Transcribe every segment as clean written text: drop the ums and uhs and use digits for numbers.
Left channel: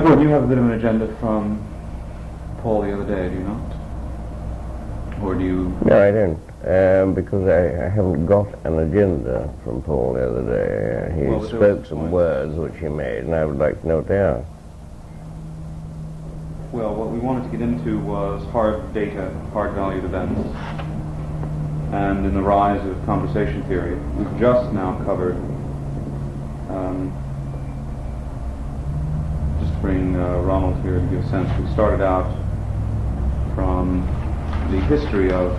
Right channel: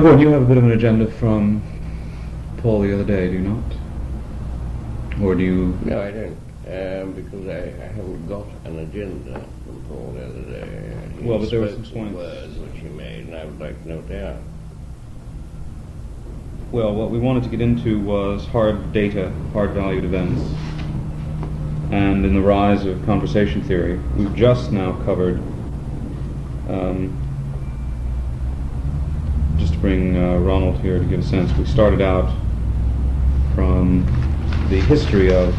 Gordon, you have a bit of an agenda from Paul the other day, do you not? Or do you... No, I don't, because I haven't got an agenda from Paul the other day. He spoke some words which he made, and I would like to note down. Well, what we wanted to get into was hard data, hard-valued events, and in the rise of conversation theory. We've just now covered, just to bring Ronald here to give a sense, we started out from the history of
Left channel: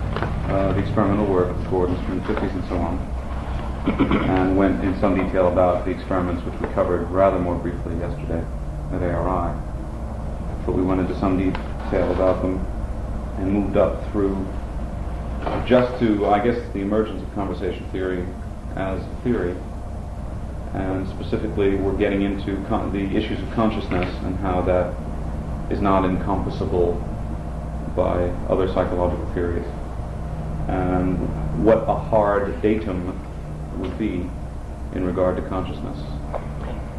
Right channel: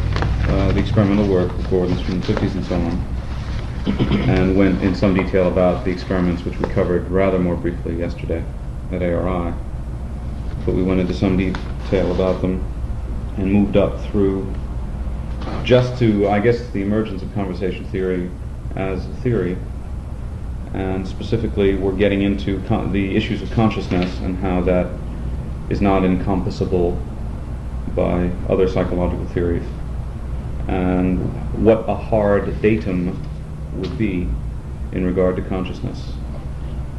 the experimental work of Gordon's from the 50s and so on, and went in some detail about the experiments which we covered rather more briefly yesterday at ARI. But we went into some detail about them and moved up through just to, I guess, the emergence of conversation theory as a theory, and specifically we're getting into the issues of consciousness and how that is not encompassable by other psychological theories, and what a hard datum would be in regard to consciousness,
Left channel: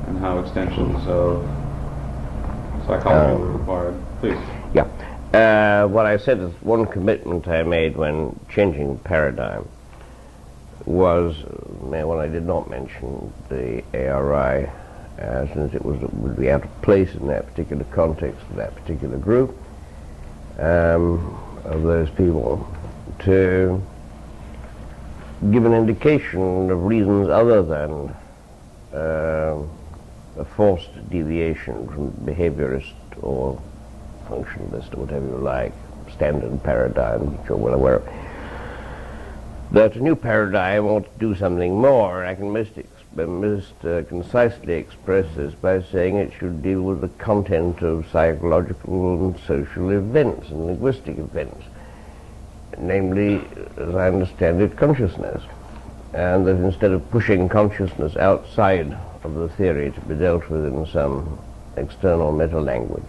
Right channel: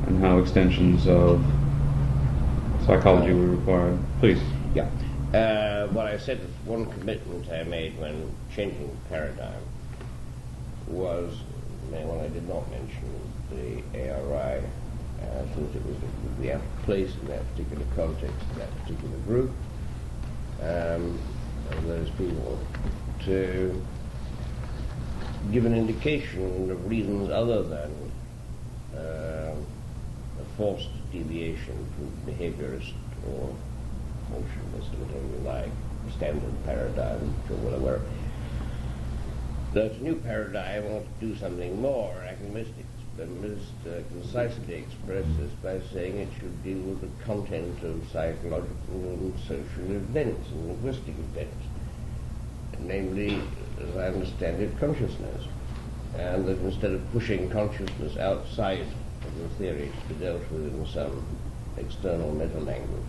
and how extensions of psychology were required. Please. Yeah. What I said is one commitment I made when changing paradigm was, well, I did not mention the ARI, since it would be out of place in that particular context, that particular group of those people, to give an indication of reasons other than a forced deviation from behaviorist or functionalist or whatever you like, standard paradigm, which you're well aware of, that a new paradigm ought to do something more. I can most concisely express this by saying it should deal with the content of psychological and social events and linguistic events, namely, as I understand it, consciousness, and that instead of pushing consciousness outside of the theory to be dealt with in some external meta-language,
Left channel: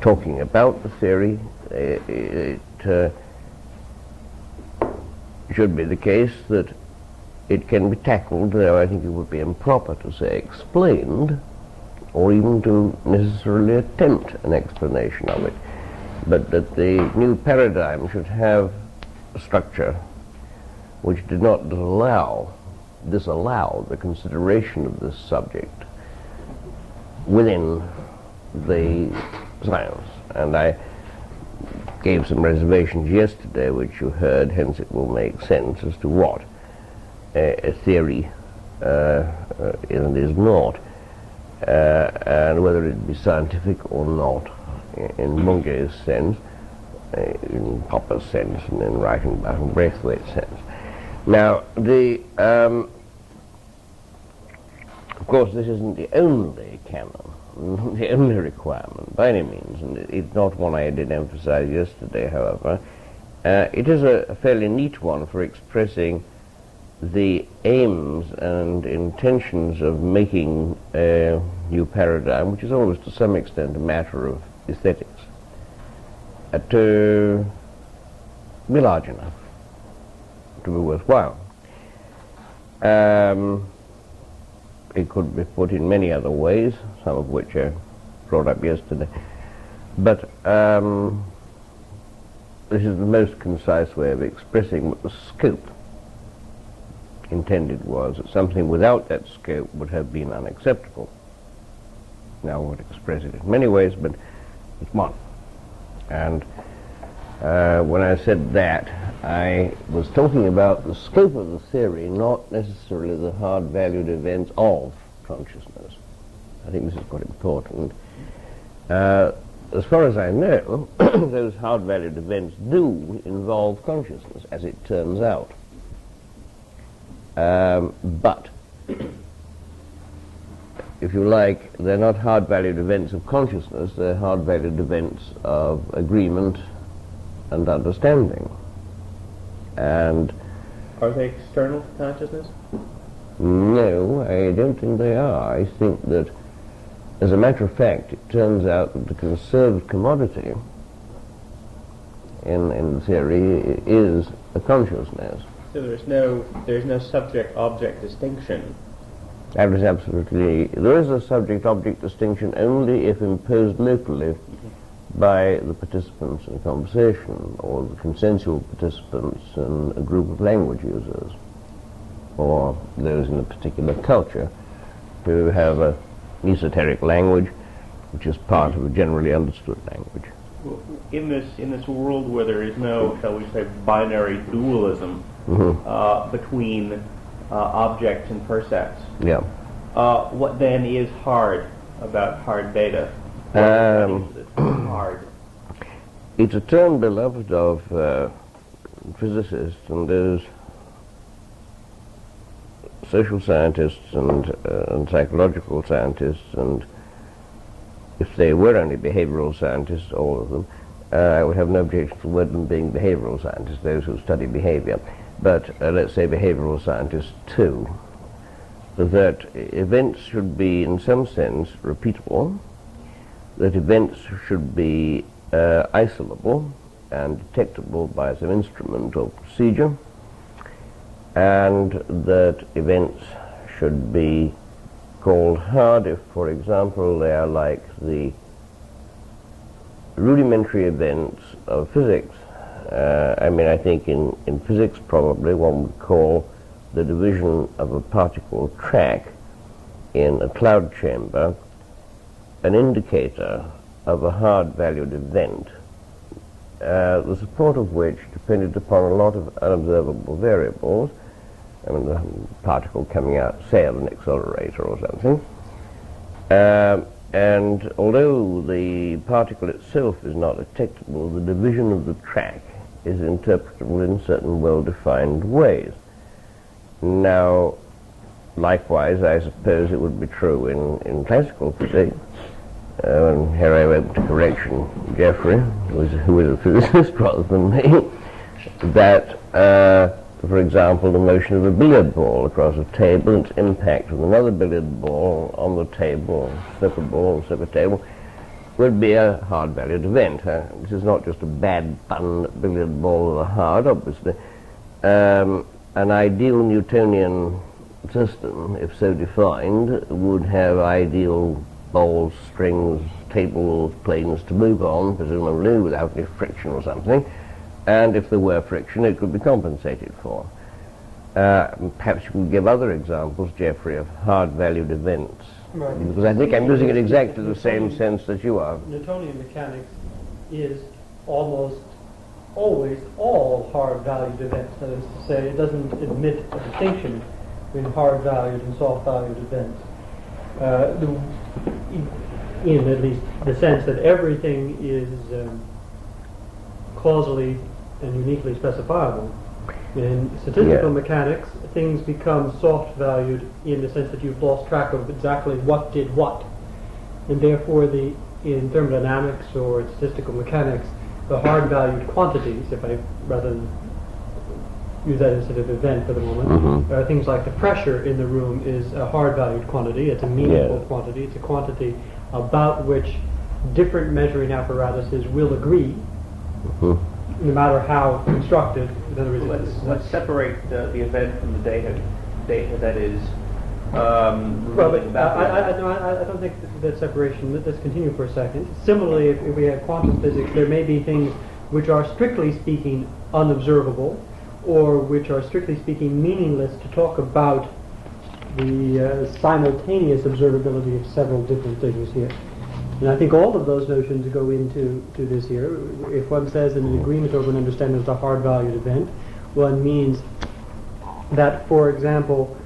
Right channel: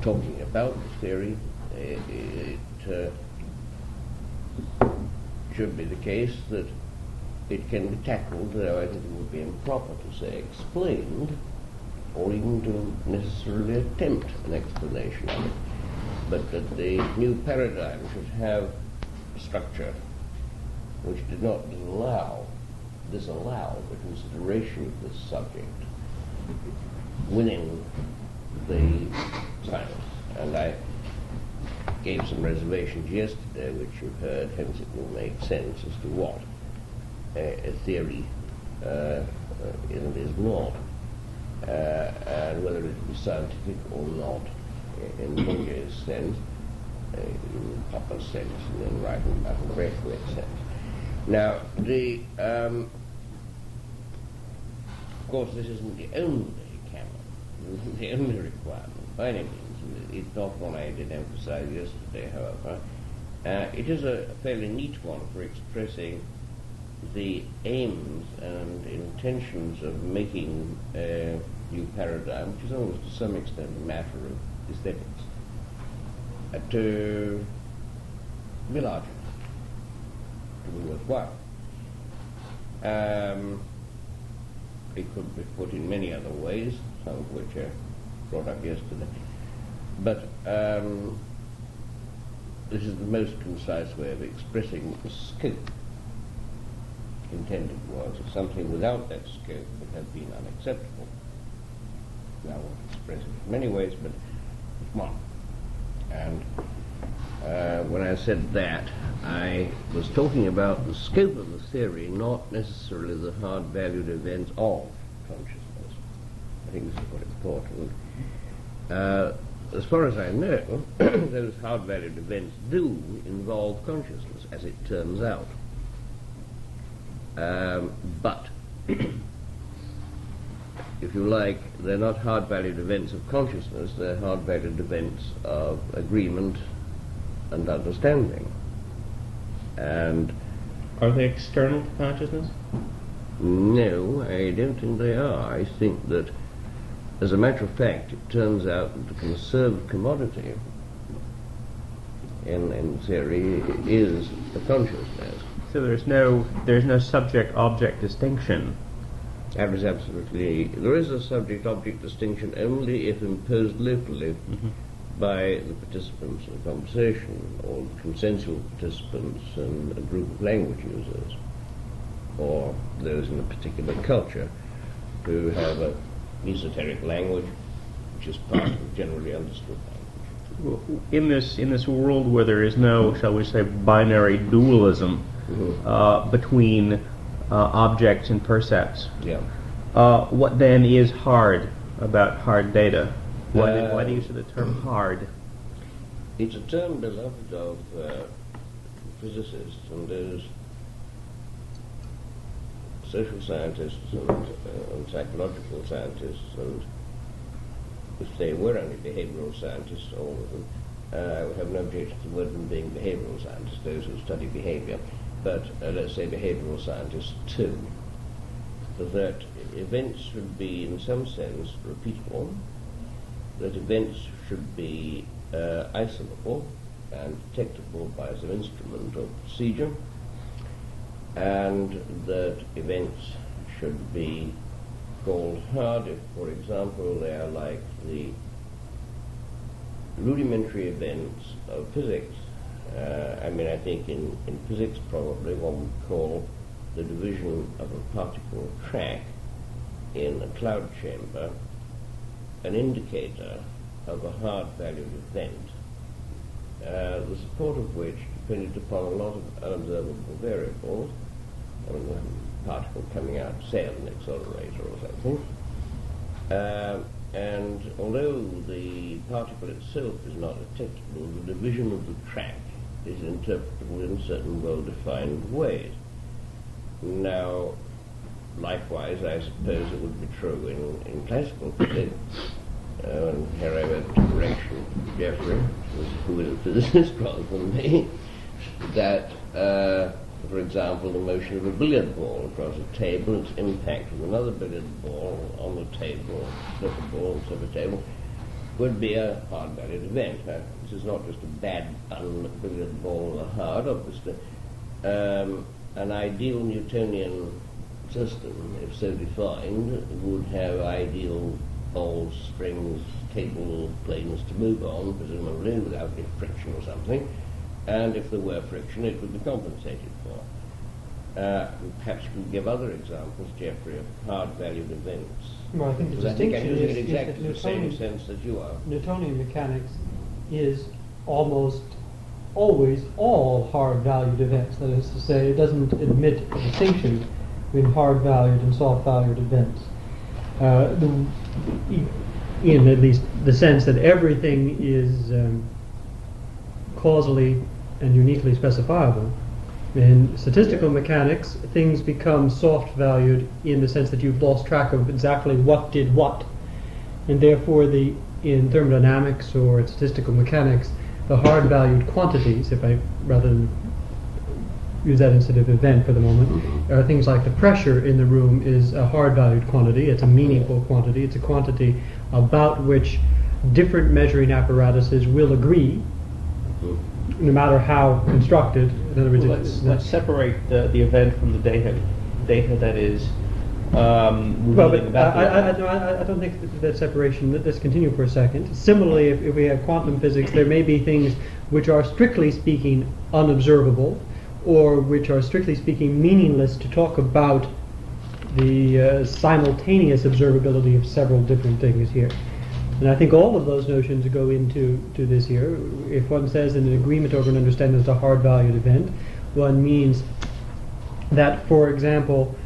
talking about the theory, it should be the case that it can be tackled, though I think it would be improper to say explained, or even to necessarily attempt an explanation of it, but that the new paradigm should have a structure which did not disallow the consideration of this subject within the science. And I gave some reservations yesterday, which you heard, hence it will make sense as to what a theory is and is not, and whether it be scientific or not, in Munge's sense, in Popper's sense, and in Reichenbach and Braithwaite's sense. Now, of course, this isn't the only canon, the only requirement by any means, and it's not one I did emphasize yesterday, however. It is a fairly neat one for expressing the aims and intentions of making a new paradigm, which is always to some extent a matter of aesthetics, to be large enough to be worthwhile. It could be put in many other ways, some of which I brought up yesterday, but this is the most concise way of expressing what the scope intended was. That something without that scope would have been unacceptable. Now I would express it in many ways, but it's one. And when I said that, I was talking about the scope of the theory, not necessarily the hard-valued events of consciousness. I think this is quite important. As far as I know, those hard-valued events do involve consciousness, as it turns out. But, if you like, they're not hard-valued events of consciousness, they're hard-valued events of agreement and understanding. And are they external to consciousness? No, I don't think they are. I think that, as a matter of fact, it turns out that the conserved commodity in theory is a consciousness. So there's no subject-object distinction That is absolutely. There is a subject-object distinction only if imposed locally by the participants in a conversation, or the consensual participants in a group of language users, or those in a particular culture who have a esoteric language which is part of a generally understood language. Well, in this world where there is no, shall we say, binary dualism between objects and percepts, Yeah. what then is hard about hard data? Why do you use the term hard? It's a term beloved of physicists and those social scientists and psychological scientists, and if they were only behavioral scientists, all of them, I would have no objection to them being behavioral scientists, those who study behavior. But let's say behavioral scientists too, that events should be in some sense repeatable, that events should be isolable and detectable by some instrument or procedure, and that events should be called hard if, for example, they are like the rudimentary events of physics. I think in physics probably one would call the division of a particle track in a cloud chamber an indicator of a hard-valued event, the support of which depended upon a lot of unobservable variables. The particle coming out, say, of an accelerator or something. And although the particle itself is not detectable, the division of the track is interpretable in certain well-defined ways. Now, likewise, I suppose it would be true in classical physics. And here I went to correction Geoffrey, who is a physicist rather than me, that for example, the motion of a billiard ball across a table and its impact with another billiard ball on the table, slip a ball, slip a table, would be a hard-valued event. This is not just a bad bun billiard ball with a hard, obviously. An ideal Newtonian system, if so defined, would have ideal balls, strings, table planes to move on, presumably without any friction or something. And if there were friction, it could be compensated for. Perhaps you could give other examples, Geoffrey, of hard-valued events. Right. Because I think I'm using it exactly the same sense that you are. Newtonian mechanics is almost always all hard-valued events. That is to say, it doesn't admit a distinction between hard-valued and soft-valued events. In at least the sense that everything is causally and uniquely specifiable. In statistical mechanics, things become soft-valued in the sense that you've lost track of exactly what did what. And therefore, in thermodynamics or statistical mechanics, the hard-valued quantities, if I rather than use that instead of event for the moment, are things like the pressure in the room is a hard-valued quantity. It's a meaningful quantity. It's a quantity about which different measuring apparatuses will agree, no matter how constructed. In other words, Let's separate the event from the data that is well, but I don't think that separation. Let's continue for a second. Similarly, if we have quantum physics, there may be things which are strictly speaking unobservable, or which are strictly speaking meaningless to talk about the simultaneous observability of several different things here. And I think all of those notions go into this here. If one says that an agreement over an understanding is a hard-valued event, one means that, for example,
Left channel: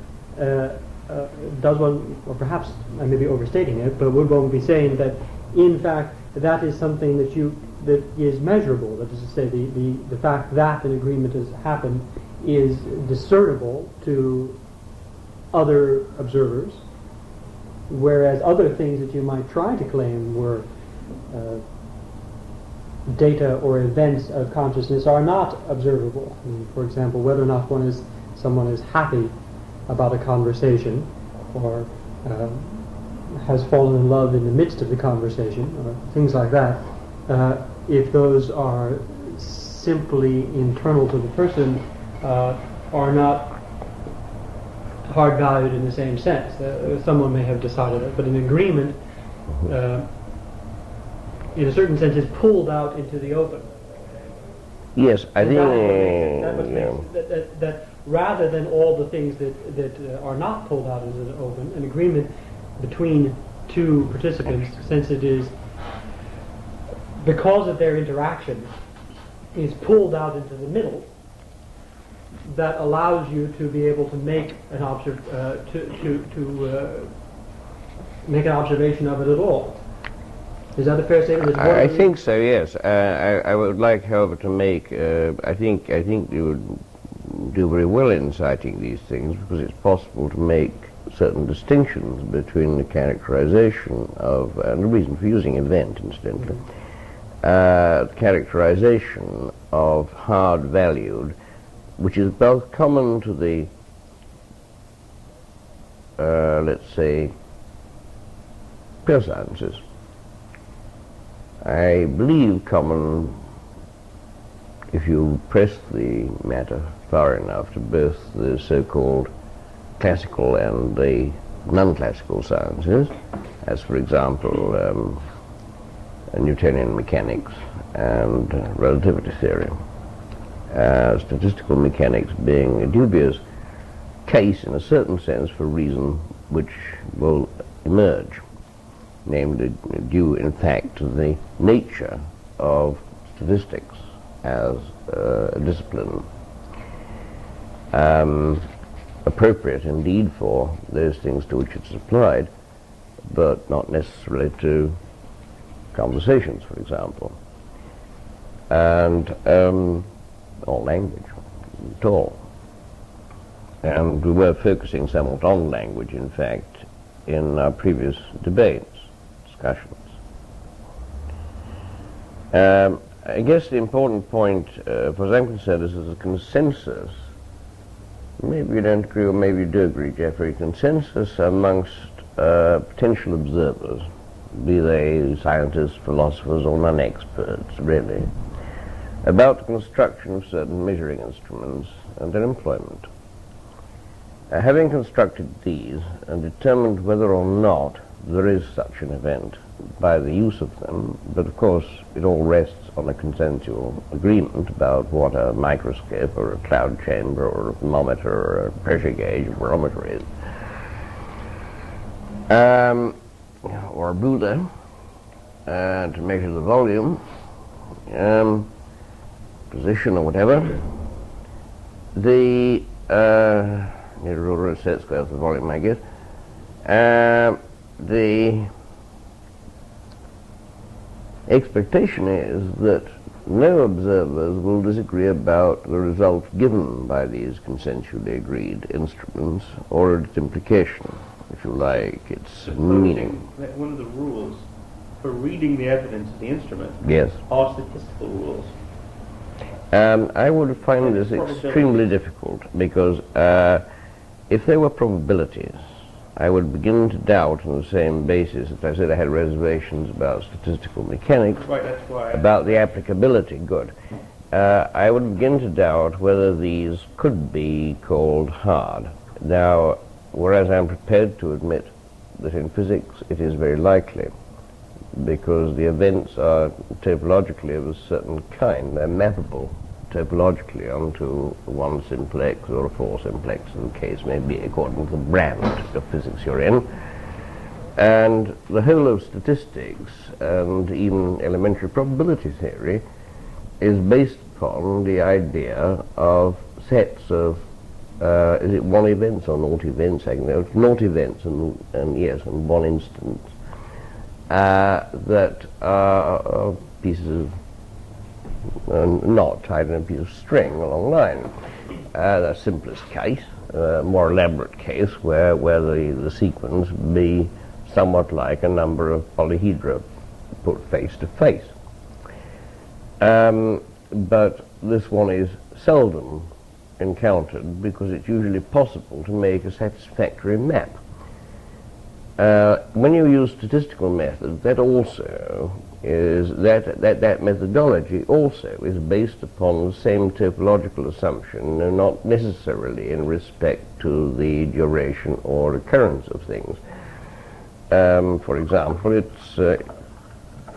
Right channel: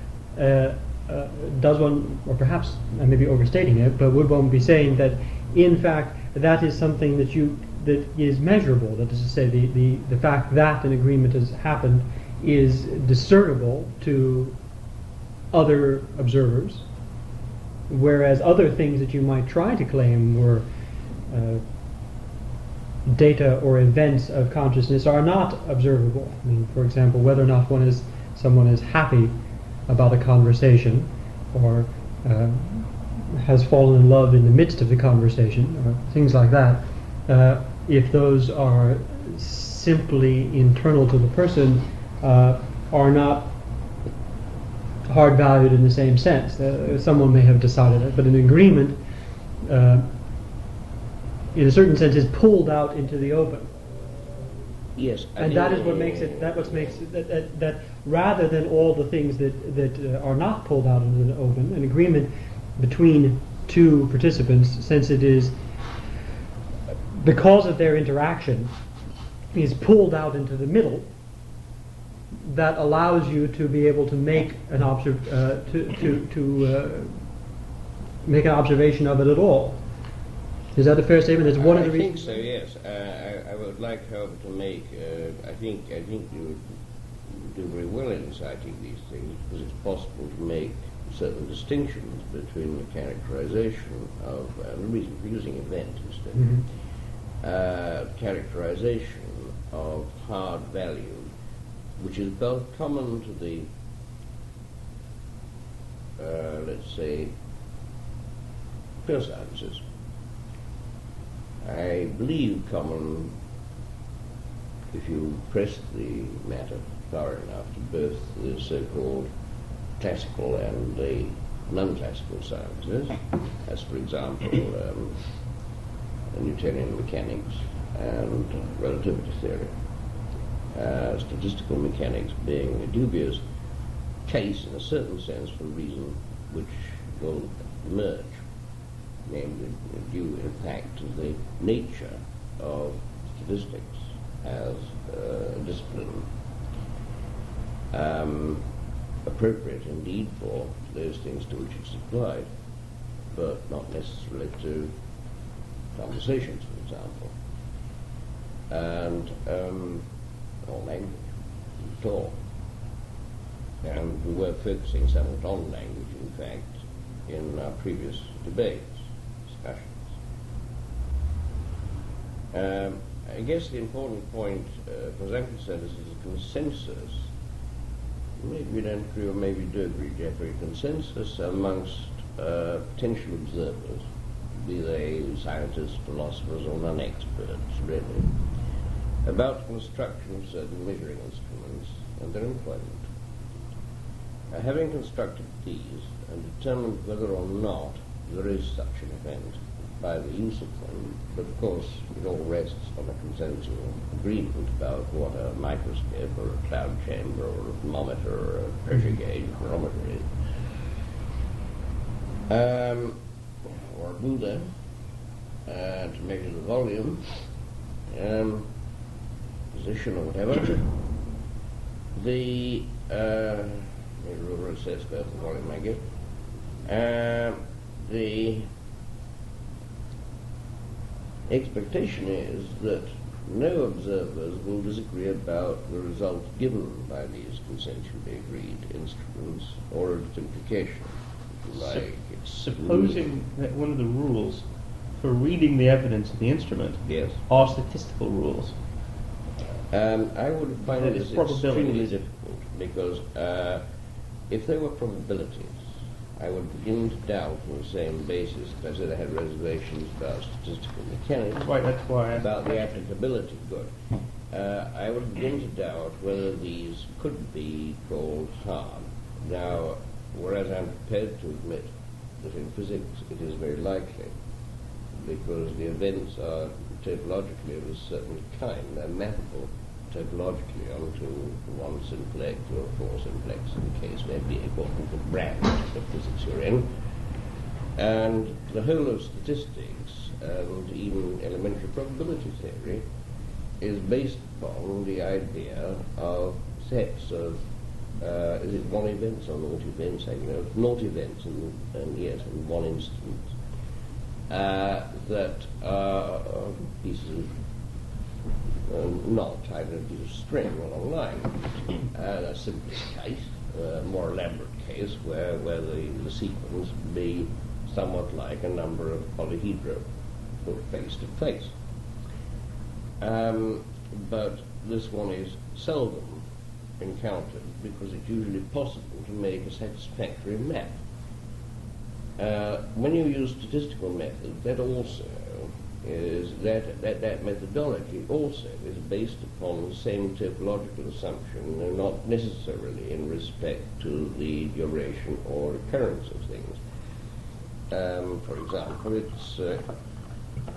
does one, or perhaps I may be overstating it, but would one be saying that, in fact, that is something that is measurable? That is to say, the fact that an agreement has happened is discernible to other observers, whereas other things that you might try to claim were data or events of consciousness are not observable. I mean, for example, whether or not someone is happy about a conversation, or has fallen in love in the midst of the conversation, or things like that, if those are simply internal to the person, are not hard valued in the same sense. Someone may have decided it, but an agreement, in a certain sense, is pulled out into the open. Yes, I think that is what makes it. That what makes it, that rather than all the things that are not pulled out into the open, an agreement between two participants, since it is because of their interaction, is pulled out into the middle. That allows you to be able to make an make an observation of it at all. Is that a fair statement? I think so. Yes. I would like, however, to make. I think you would do very well in citing these things, because it's possible to make certain distinctions between the characterization of, and the reason for using event, incidentally, characterization of hard valued, which is both common to the, let's say, pure sciences. I believe common, if you press the matter far enough, to both the so-called classical and the non-classical sciences, as for example Newtonian mechanics and relativity theory. Statistical mechanics being a dubious case in a certain sense for a reason which will emerge, namely due in fact to the nature of statistics as a discipline, appropriate indeed for those things to which it's applied, but not necessarily to conversations, for example, and or language at all. And we were focusing somewhat on language, in fact, in our previous debates, discussions. I guess the important point, as far as I'm concerned, is a consensus. Maybe you don't agree, or maybe you do agree, Jeffrey. Consensus amongst potential observers, be they scientists, philosophers, or non-experts, really, about the construction of certain measuring instruments and their employment. Having constructed these and determined whether or not there is such an event by the use of them, but of course it all rests on a consensual agreement about what a microscope or a cloud chamber or a thermometer or a pressure gauge or barometer is, or a ruler to measure the volume, position or whatever. The need a ruler and set square for the volume, I guess. The expectation is that no observers will disagree about the result given by these consensually agreed instruments or its implication, if you like, its meaning. Supposing that one of the rules for reading the evidence of the instrument are statistical rules. I would find this extremely difficult, because if they were probabilities, I would begin to doubt on the same basis that I said I had reservations about statistical mechanics, Right, that's why about the applicability. Good. I would begin to doubt whether these could be called hard. Now, whereas I'm prepared to admit that in physics it is very likely, because the events are topologically of a certain kind. They're mappable topologically onto one simplex or a four simplex, in the case may be, according to the brand of physics you're in. And the whole of statistics and even elementary probability theory is based upon the idea of sets of is it one events or naught events? I know naught events and yes, and one instance that are pieces of knot tied in a piece of string along a line. The simplest case, more elaborate case, where the sequence be somewhat like a number of polyhedra put face to face. But this one is seldom encountered, because it's usually possible to make a satisfactory map. When you use statistical methods, that also is that methodology also is based upon the same topological assumption, and not necessarily in respect to the duration or occurrence of things. For example, it's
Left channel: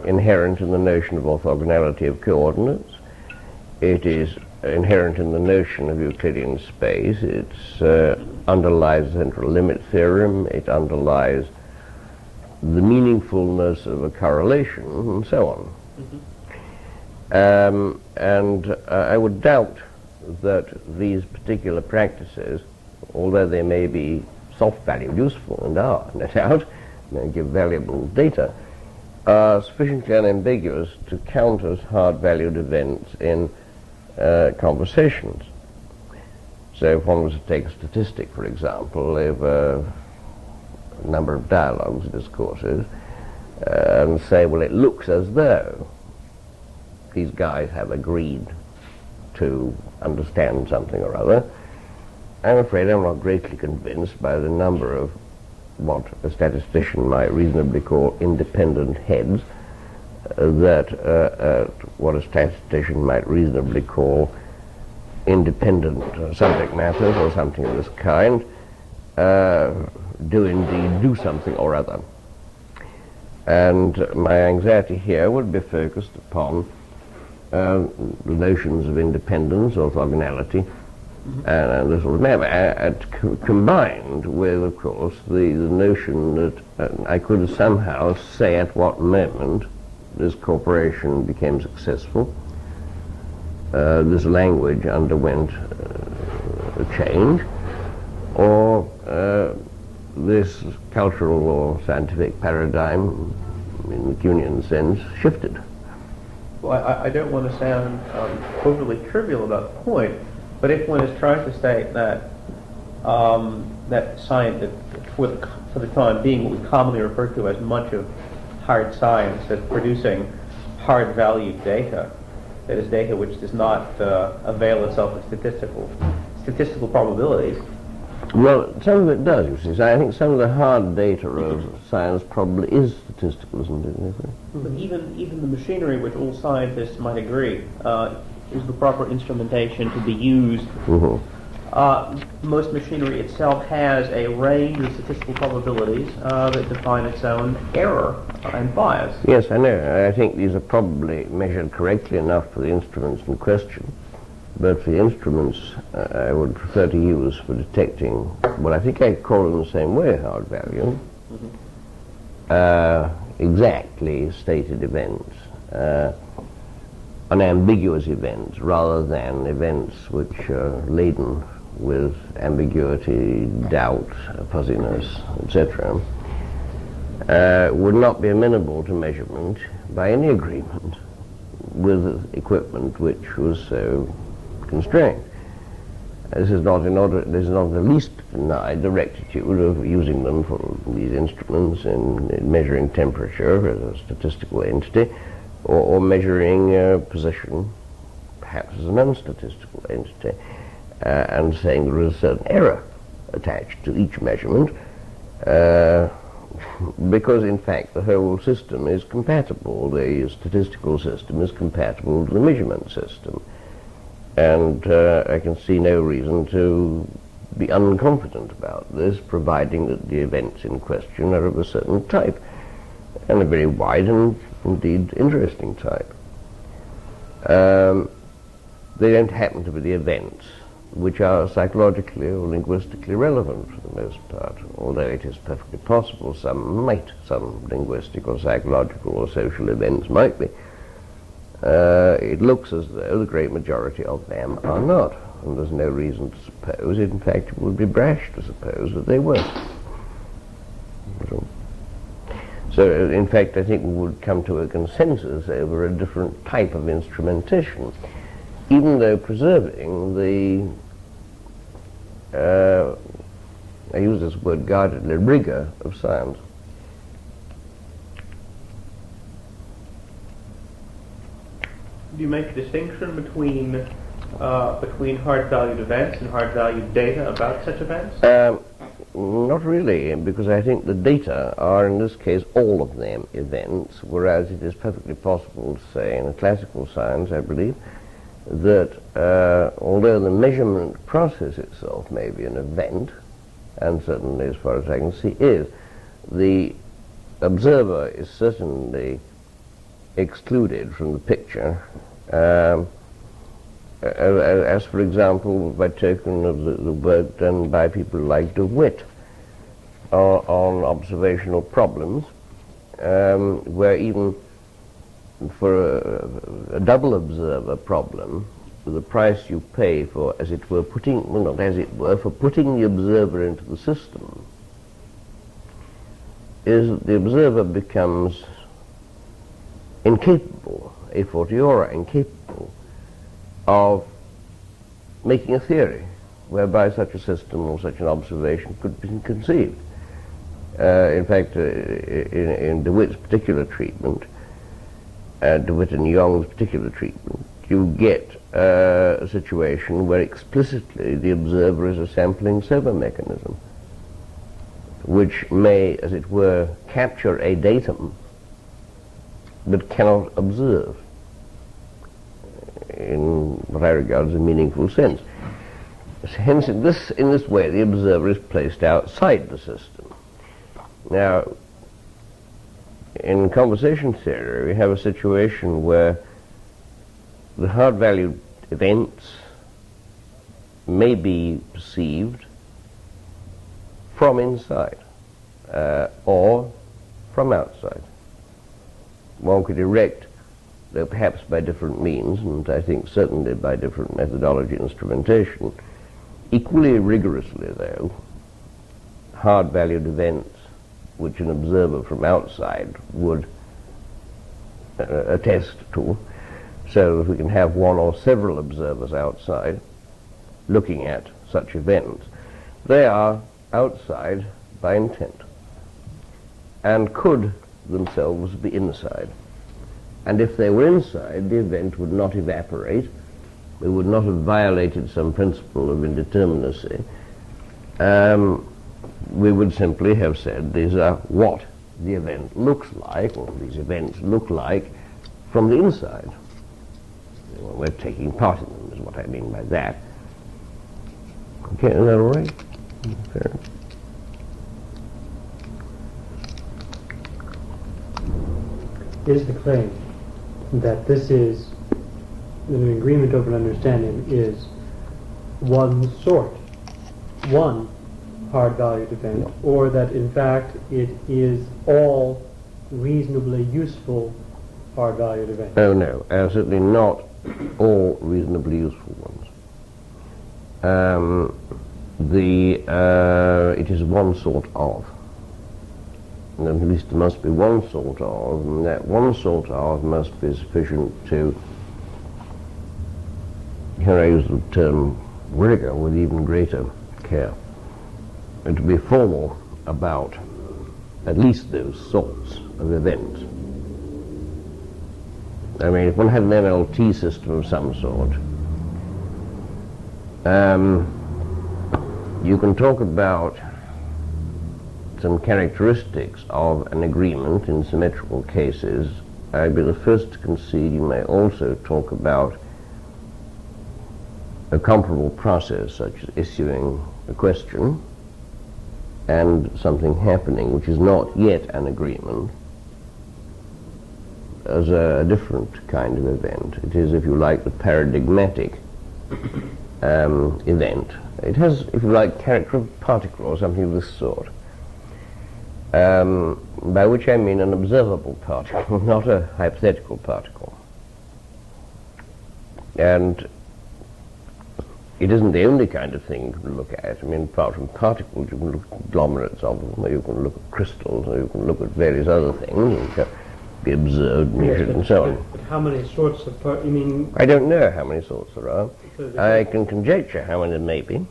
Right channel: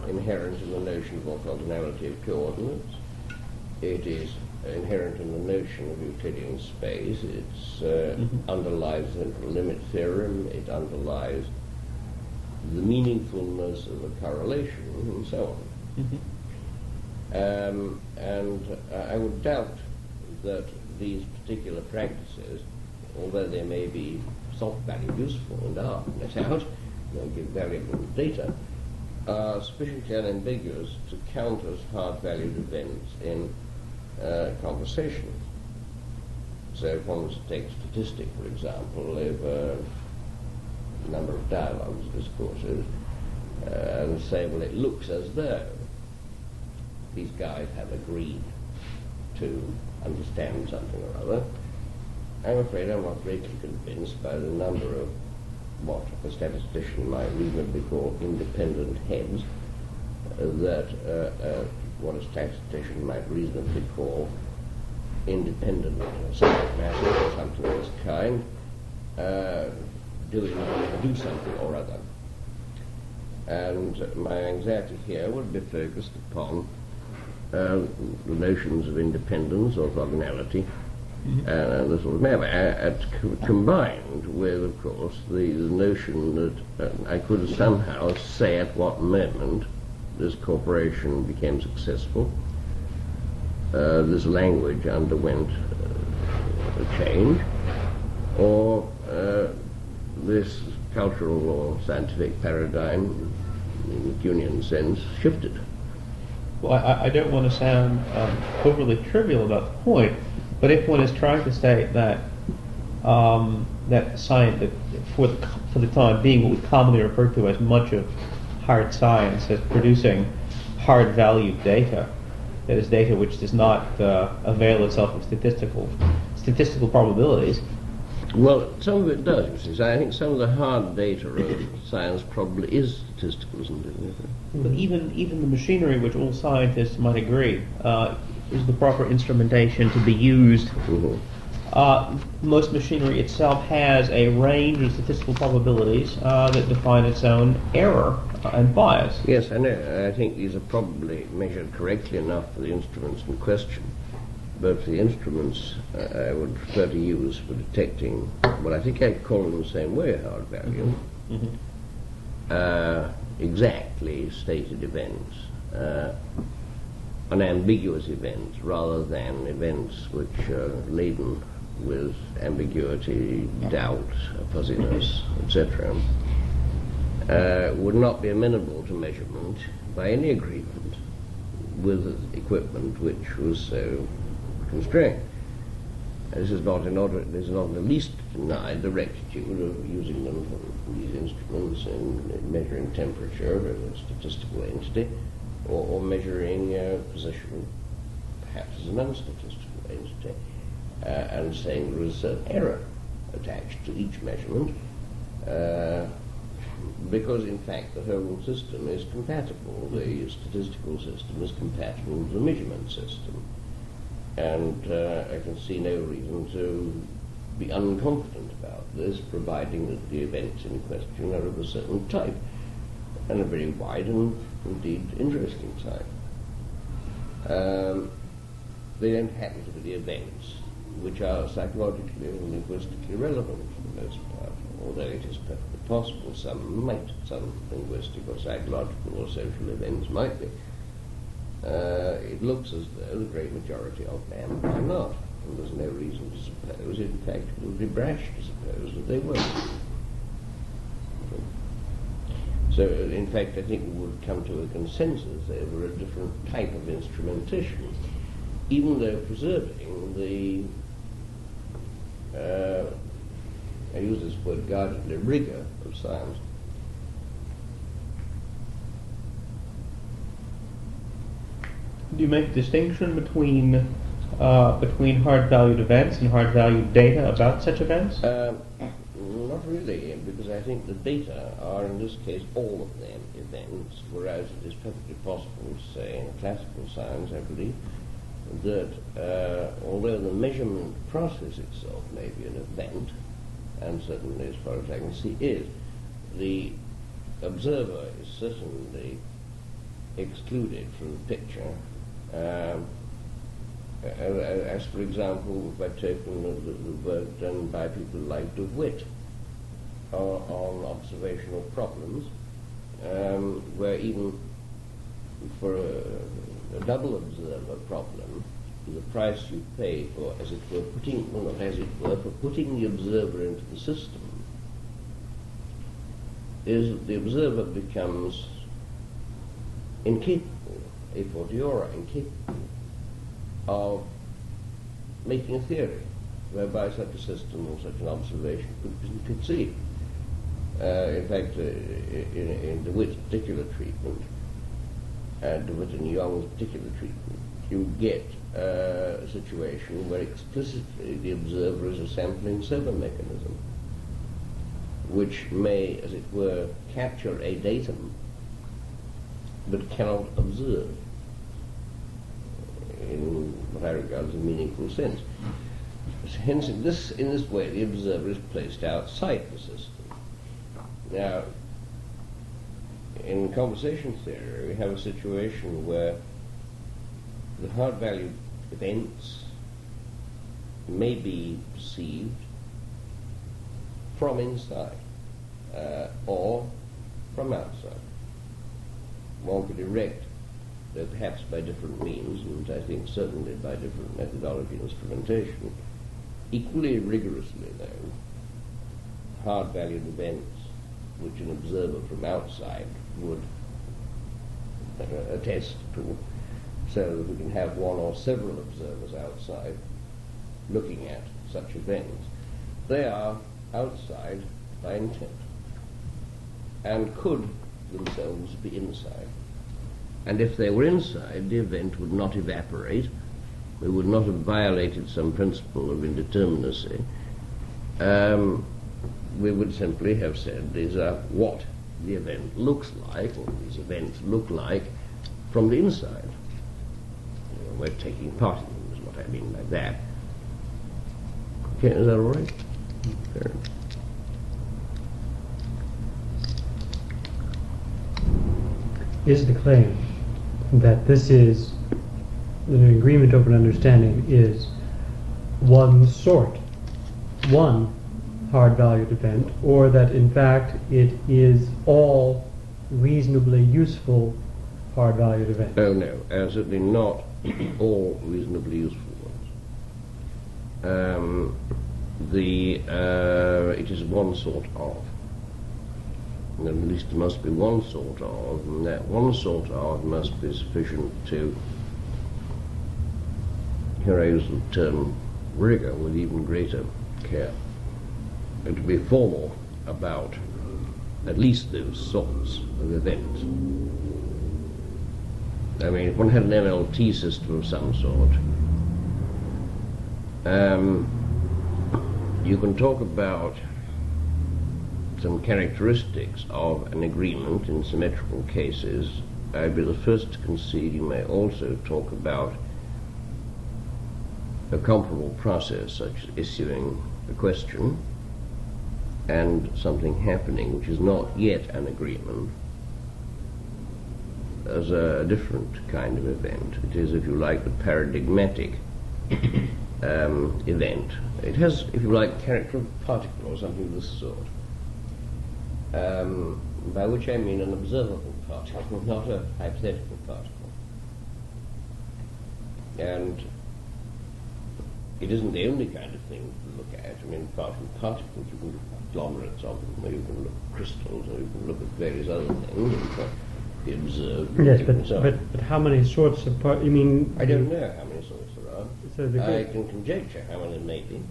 inherent in the notion of orthogonality of coordinates. It is inherent in the notion of Euclidean space. It underlies the central limit theorem. It underlies the meaningfulness of a correlation, and so on. I would doubt that these particular practices, although they may be soft-valued useful, and are, no doubt, they give valuable data, are sufficiently unambiguous to count as hard-valued events in conversations. So if one was to take a statistic, for example, over a number of dialogues, discourses, and say, well, it looks as though these guys have agreed to understand something or other, I'm afraid I'm not greatly convinced by the number of what a statistician might reasonably call independent heads, that what a statistician might reasonably call independent subject matters or something of this kind do indeed do something or other. And my anxiety here would be focused upon the notions of independence, orthogonality, and this sort of matter, combined with, of course, the notion that I could somehow say at what moment this corporation became successful, this language underwent a change, or this cultural or scientific paradigm, in the Kuhnian sense, shifted. Well, I don't want to sound overly trivial about the point, but if one is trying to state that that science, for the time being, what we commonly refer to as much of hard science as producing hard-valued data, that is data which does not avail itself of statistical probabilities. Well, some of it does, you see. So I think some of the hard data of science probably is statistical, isn't it? But even the machinery, which all scientists might agree is the proper instrumentation to be used. Most machinery itself has a range of statistical probabilities that define its own error and bias. Yes, I know. I think these are probably measured correctly enough for the instruments in question. But for the instruments I would prefer to use for detecting, well, I think I'd call them the same way, hard value, exactly stated events, unambiguous events, rather than events which are laden with ambiguity, doubt, fuzziness, etc., would not be amenable to measurement by any agreement with equipment which was so constrained. This is not the least denied the rectitude of using them for these instruments in measuring temperature as a statistical entity, or measuring position, perhaps as an unstatistical entity, and saying there is a certain error attached to each measurement, because in fact the whole system is compatible. The statistical system is compatible to the measurement system. And I can see no reason to be unconfident about this, providing that the events in question are of a certain type, and a very wide and indeed interesting type. They don't happen to be the events which are psychologically or linguistically relevant for the most part, although it is perfectly possible some linguistic or psychological or social events might be. It looks as though the great majority of them are not, and there's no reason to suppose, in fact it would be brash to suppose that they weren't. So in fact I think we would come to a consensus over a different type of instrumentation, even though preserving the, I use this word guardedly, rigor of science. Do you make a distinction between hard-valued events and hard-valued data about such events? Not really, because I think the data are, in this case, all of them events, whereas it is perfectly possible to say in a classical science, I believe, that although the measurement process itself may be an event, and certainly as far as I can see is, the observer is certainly excluded from the picture, as for example by token of the work done by people like de Witt on observational problems, where even for a double observer problem, the price you pay for, as it were, putting, well, not as it were, for putting the observer into the system, is that the observer becomes incapable, a fortiori incapable, of making a theory whereby such a system or such an observation could be conceived. In fact, in de Witt's particular treatment, de Witt and Young's particular treatment, you get a situation where explicitly the observer is a sampling servo mechanism, which may, as it were, capture a datum but cannot observe in what I regard as a meaningful sense. Hence, in this way, the observer is placed outside the system. Now, in conversation theory, we have a situation where the hard-valued events may be perceived from inside or from outside. One could erect, though perhaps by different means, and I think certainly by different methodology and instrumentation, equally rigorously, though, hard-valued events which an observer from outside would attest to, so that we can have one or several observers outside looking at such events. They are outside by intent and could themselves be inside. And if they were inside, the event would not evaporate. We would not have violated some principle of indeterminacy. We would simply have said these are what the event looks like, or these events look like from the inside. We're taking part in them, is what I mean by that. Okay, is that all right? Fair. Is the claim that this is an agreement over an understanding is one sort, one hard-valued event, or that in fact it is all reasonably useful hard-valued events? Oh no, certainly not all reasonably useful ones. It is one sort of. And at least there must be one sort of, and that one sort of must be sufficient to, here I use the term rigor with even greater care, and to be formal about at least those sorts of events. I mean, if one had an MLT system of some sort, you can talk about some characteristics of an agreement in symmetrical cases. I'd be the first to concede you may also talk about a comparable process, such as issuing a question and something happening which is not yet an agreement, as a different kind of event. It is, if you like, the paradigmatic event. It has, if you like, character of particle or something of this sort. By which I mean an observable particle, not a hypothetical particle. And it isn't the only kind of thing you can look at. I mean, apart from particles, you can look at conglomerates of them, or you can look at crystals, or you can look at various other things which can be observed, measured, and so on. But how many sorts of you mean? I don't know how many sorts there are. So I can conjecture how many there may be.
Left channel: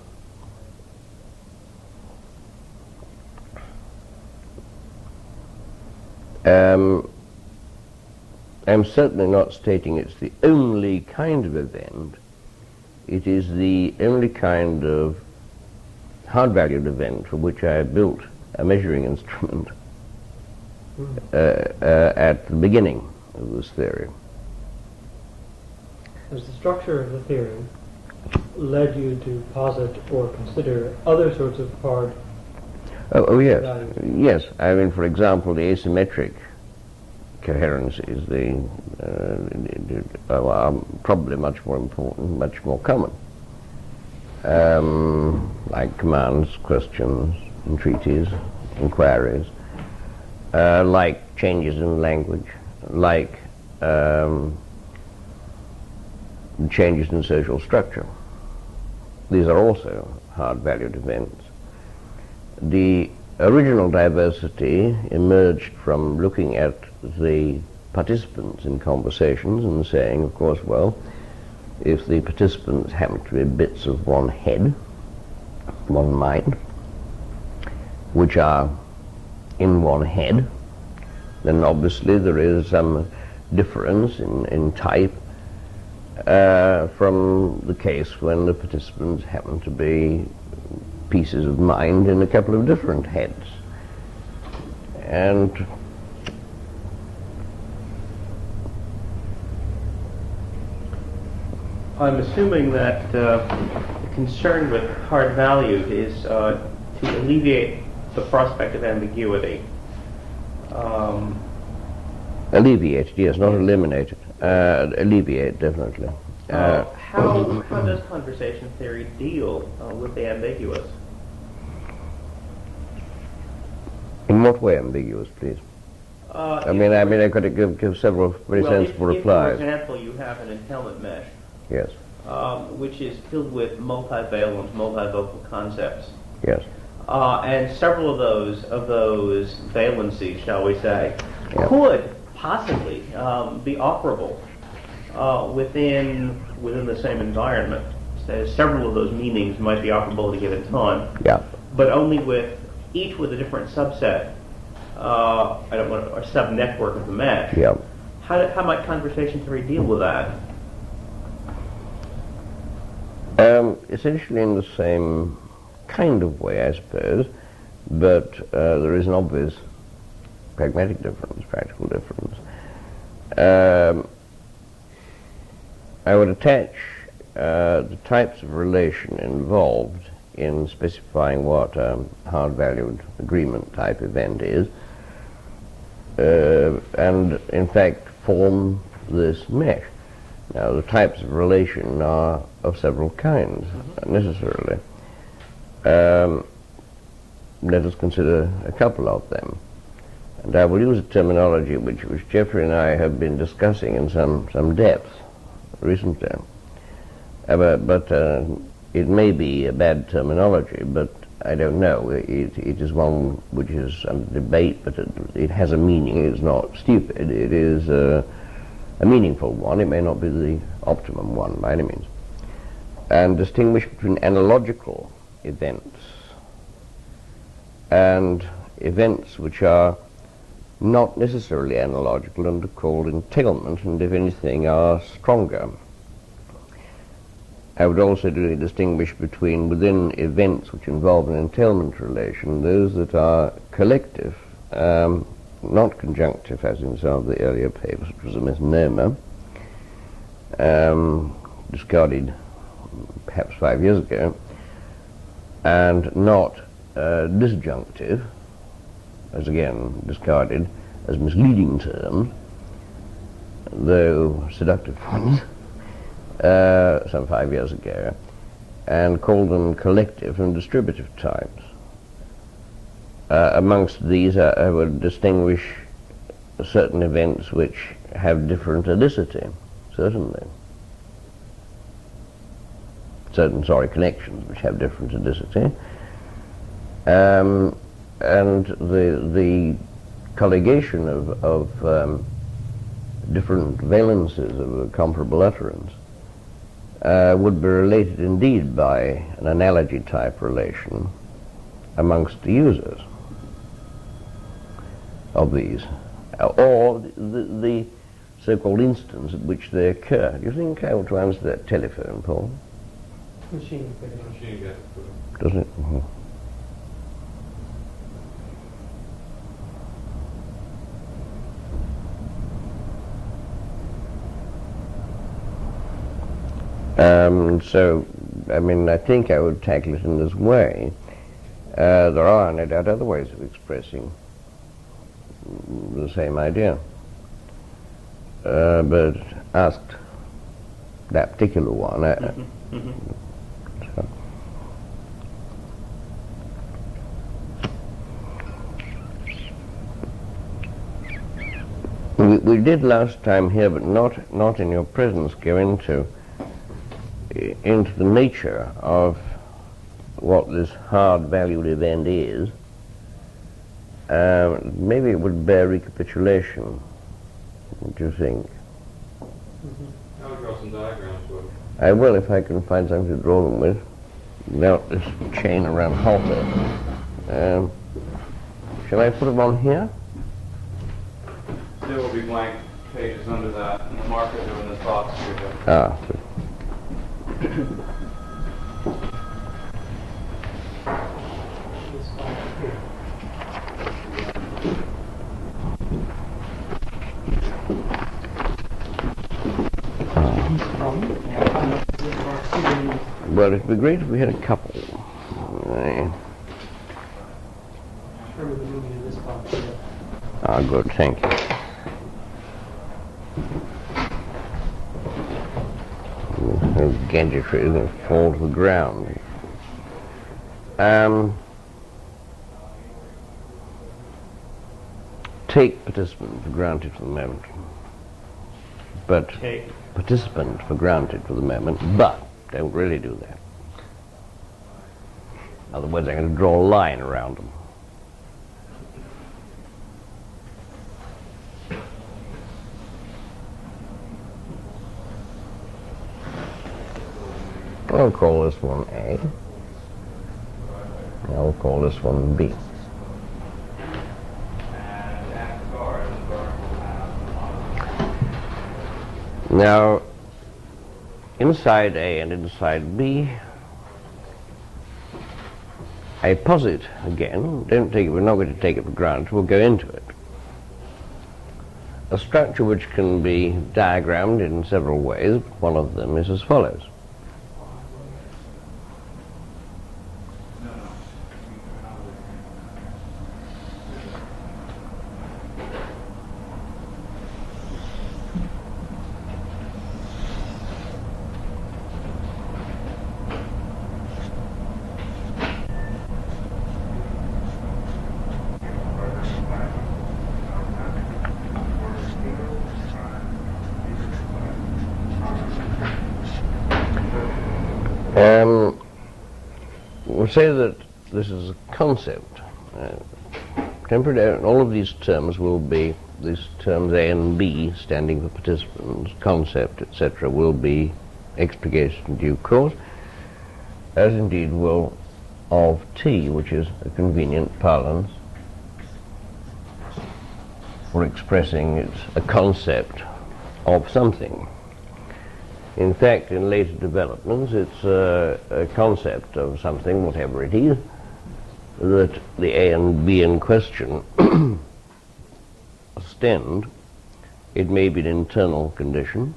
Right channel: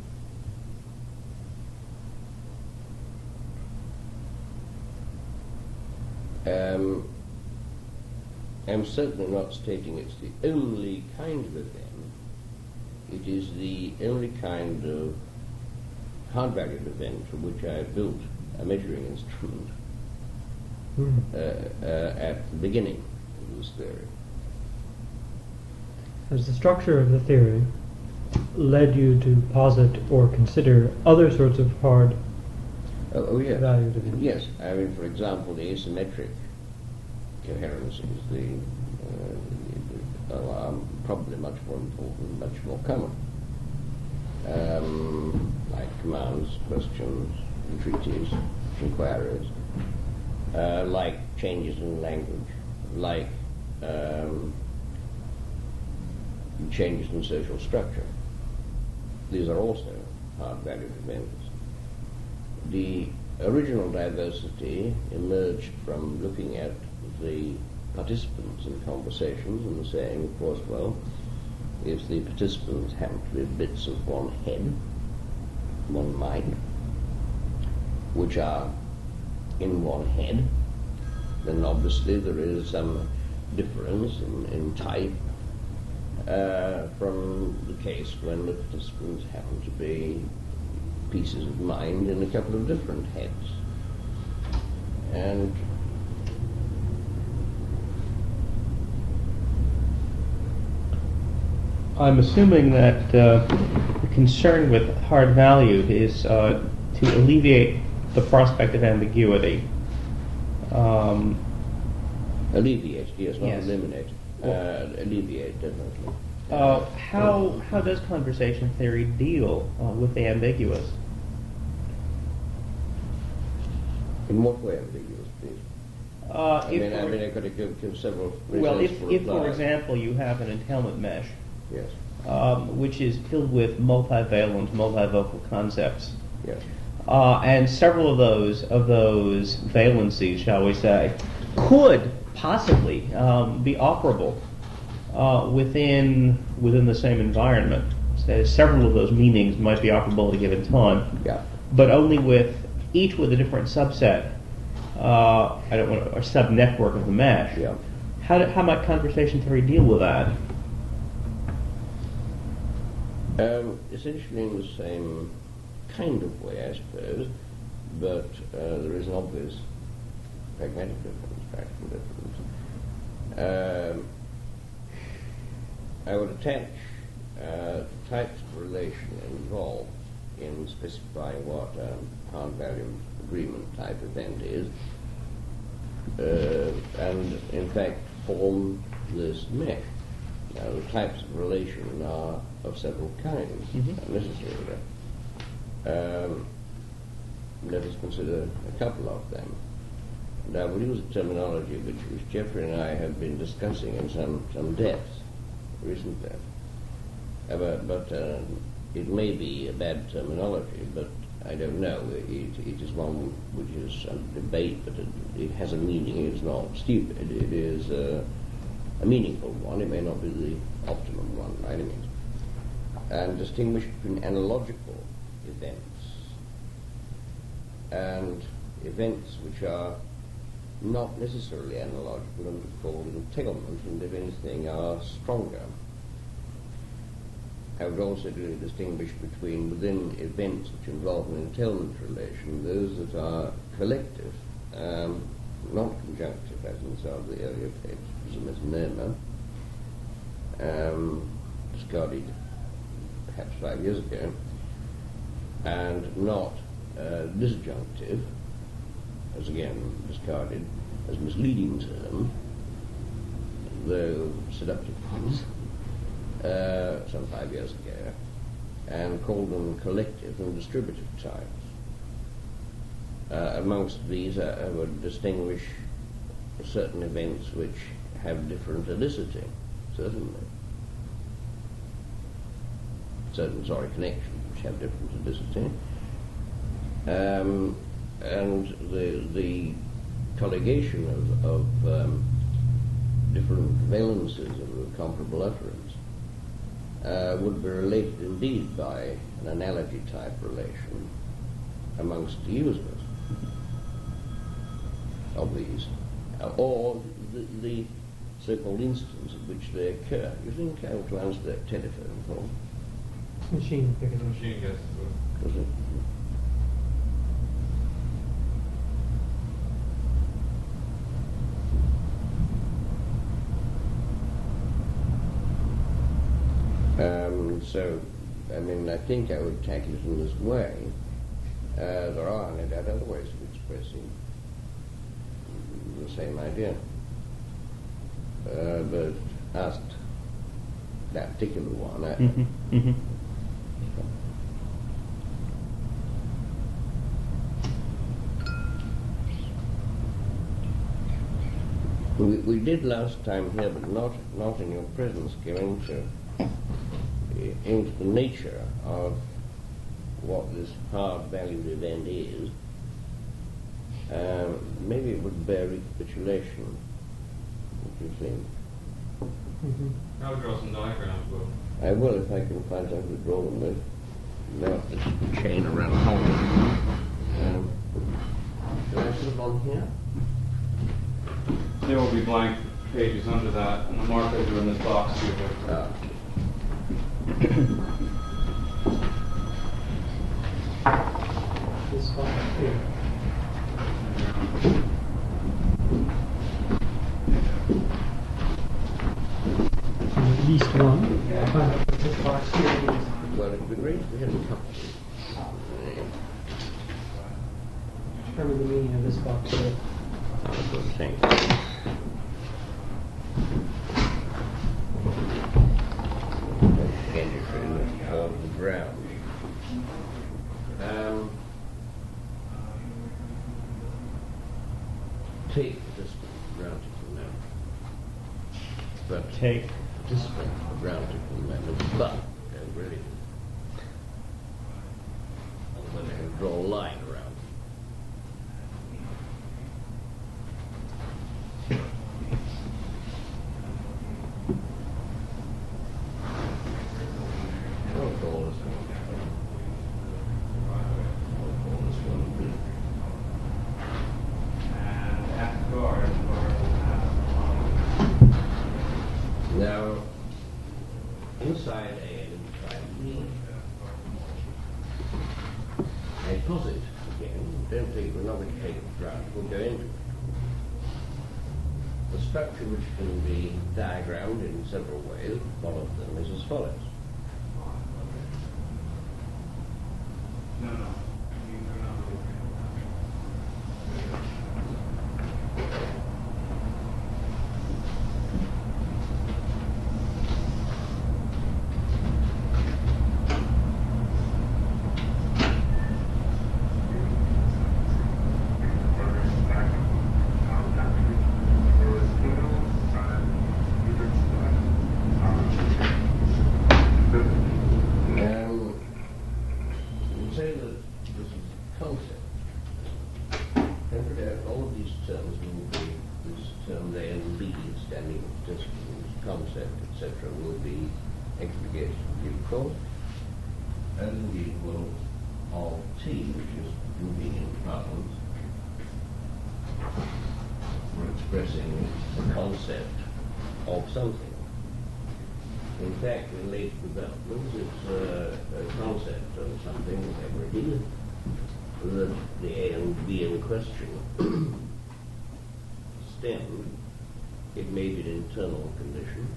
I'm certainly not stating it's the only kind of event. It is the only kind of hard-valued event for which I built a measuring instrument at the beginning of this theory. As the structure of the theory led you to posit or consider other sorts of hard Oh yes, values. yes. I mean, for example, the asymmetric coherencies, are probably much more important, much more common. Like commands, questions, entreaties, inquiries, like changes in language, like changes in social structure. These are also hard-valued events. The original diversity emerged from looking at the participants in conversations and saying, of course, well, if the participants happen to be bits of one head, one mind, which are in one head, then obviously there is some difference in type from the case when the participants happen to be pieces of mind in a couple of different heads. And I'm assuming that the concern with hard valued is to alleviate the prospect of ambiguity. alleviate, yes, not Yes. eliminate it. Alleviate, definitely. How does conversation theory deal with the ambiguous? In what way ambiguous, please? I mean, I could give several very sensible if, replies. for example, you have an entailment mesh, Yes, which is filled with multivalent, multivocal concepts, yes, and several of those valencies, shall we say, could possibly be operable within the same environment. So several of those meanings might be operable at a given time, yeah. but only each with a different subset, or sub-network of the mesh. Yeah. How might conversation theory deal with that? Essentially in the same kind of way, I suppose, but there is an obvious pragmatic difference, practical difference. I would attach the types of relation involved in specifying what a hard-valued agreement type event is, and in fact form this mesh. Now, the types of relation are of several kinds, necessarily. Let us consider a couple of them. And I will use a terminology which Geoffrey and I have been discussing in some depth recently. But it may be a bad terminology, but I don't know. It is one which is under debate, but it has a meaning. It is not stupid. It is a meaningful one. It may not be the optimum one by any means. And distinguish between analogical events and events which are not necessarily analogical and are called entailment, and if anything are stronger. I would also distinguish between, within events which involve an entailment relation, those that are collective, not conjunctive, as in some of the earlier papers, which was a misnomer, discarded perhaps 5 years ago, and not disjunctive, as again discarded as misleading terms, though seductive ones, some 5 years ago, and called them collective and distributive types. Amongst these I would distinguish certain events which have different adicity, certainly. Connections which have different adicity. And the colligation of different valences of a comparable utterance would be related indeed by an analogy type relation amongst the users of these, or the so-called instance at which they occur. Do you think I ought to answer that telephone, Paul? Machine. Machine gets doesn't it? So, I mean, I think I would tackle it in this way. There are, no doubt, other ways of expressing the same idea. But asked that particular one. We did last time here, but not in your presence, go into the nature of what this hard-valued event is. Maybe it would bear recapitulation. What do you think? I'll draw some diagrams with. I will, if I can find something to draw them with, without this chain around halter. Shall I put them on here? There will be blank pages under that, and the markers are in this box here. Ah. This spot here. Yeast one. I find out what this box here is. Well, it'd be great if we had a couple. Determine the meaning of this box here. Ah, good, thank you. Gadgetry that fall to the ground. Take participant for granted for the moment. But Take. participant for granted for the moment, but don't really do that. Otherwise I'm going to draw a line around them. I'll call this one A. I'll call this one B. Now, inside A and inside B, I posit again, we're not going to take it for granted, we'll go into it. A structure which can be diagrammed in several ways. One of them is as follows. We'll say that this is a concept. Temporarily, all of these terms will be, these terms A and B, standing for participants, concept, etc., will be explicated in due course, as indeed will of T, which is a convenient parlance for expressing it's a concept of something. In fact, in later developments, it's a concept of something, whatever it is, that the A and B in question ostend. It may be an internal condition,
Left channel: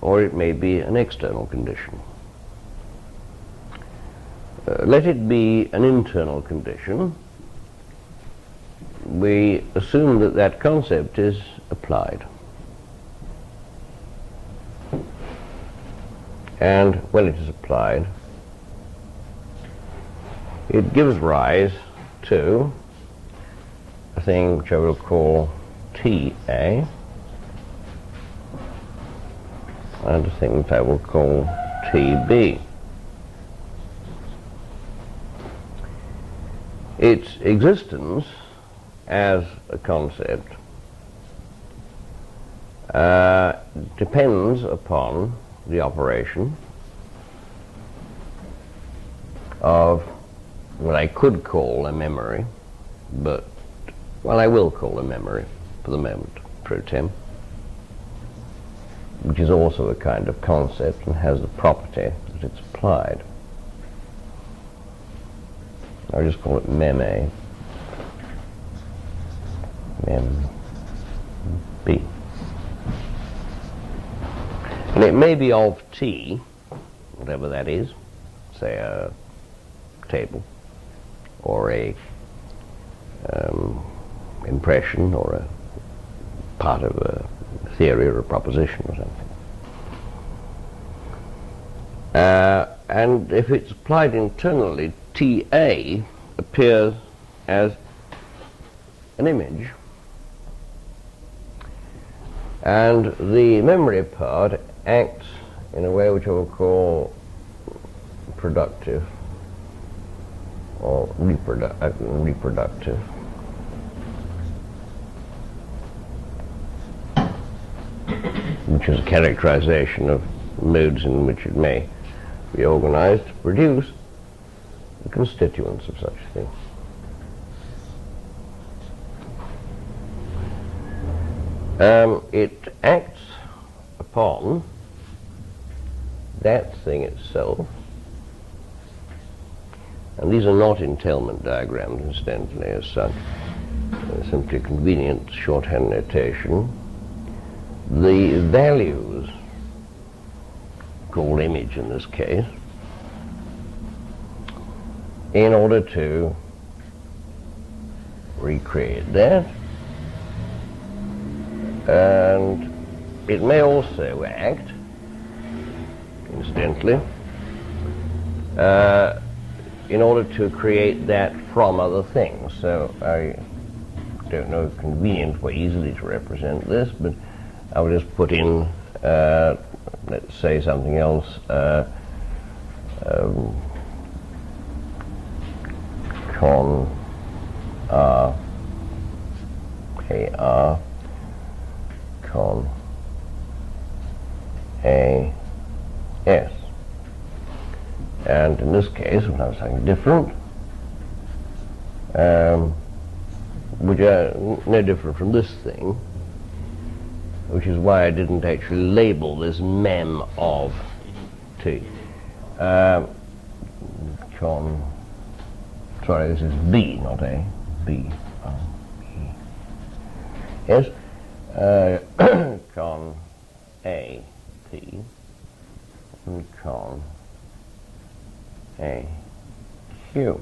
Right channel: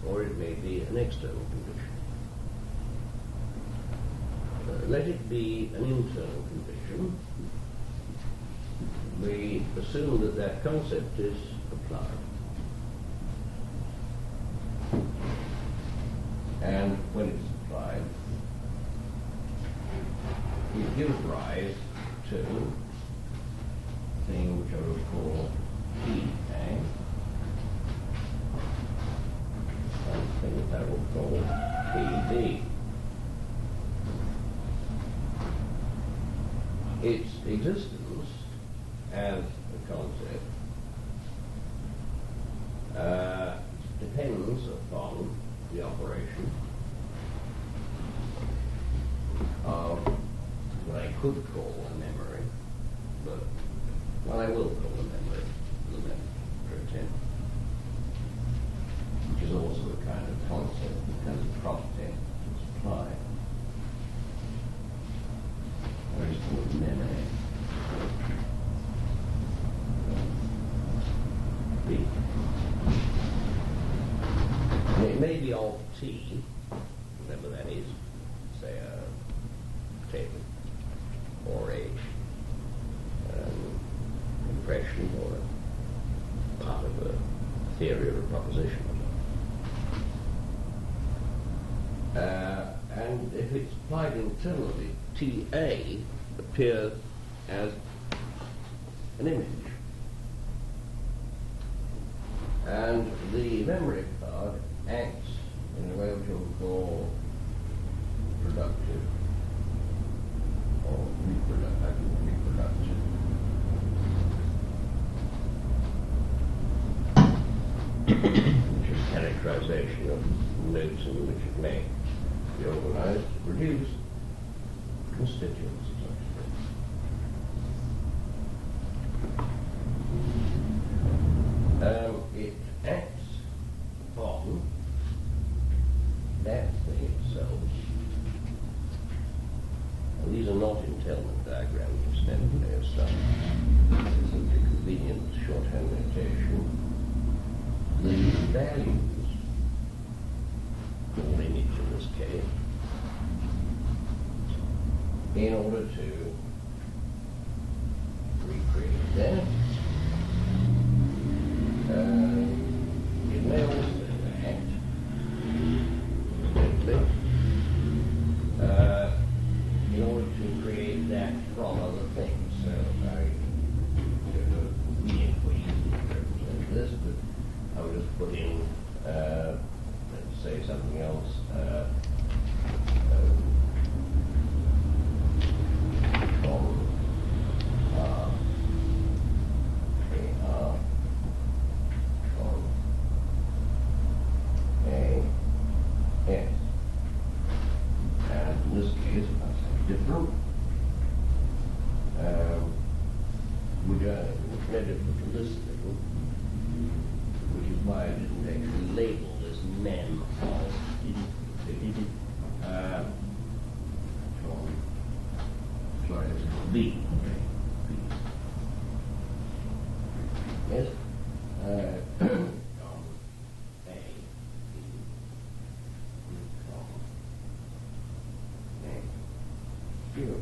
or it may be an external condition. Let it be an internal condition. We assume that that concept is applied. And when it is applied, it gives rise to a thing which I will call TA, and a thing that I will call TB. Its existence as a concept depends upon the operation of what I could call a memory, but, well, I will call a memory for the moment, pro tem, which is also a kind of concept and has the property that it's applied. I'll just call it mem A. Mem B. And it may be of T, whatever that is, say a table, or a impression, or a part of a theory or a proposition or something. And if it's applied internally, TA appears as an image, and the memory part acts in a way which I will call productive or reproductive. Which is a characterization of modes in which it may be organized to produce the constituents of such a thing. It acts upon that thing itself, and these are not entailment diagrams, incidentally, as such. They're simply convenient shorthand notation. The values, called image in this case, in order to recreate that, and it may also act, incidentally, in order to create that from other things. So I don't know a convenient way easily to represent this, but I'll just put in, let's say something else, con R, AR, con A, S. And in this case, we'll have something different, which are no different from this thing, which is why I didn't actually label this mem of T. Sorry, this is B, not A. B. Yes. Con A, T, and con A, Q.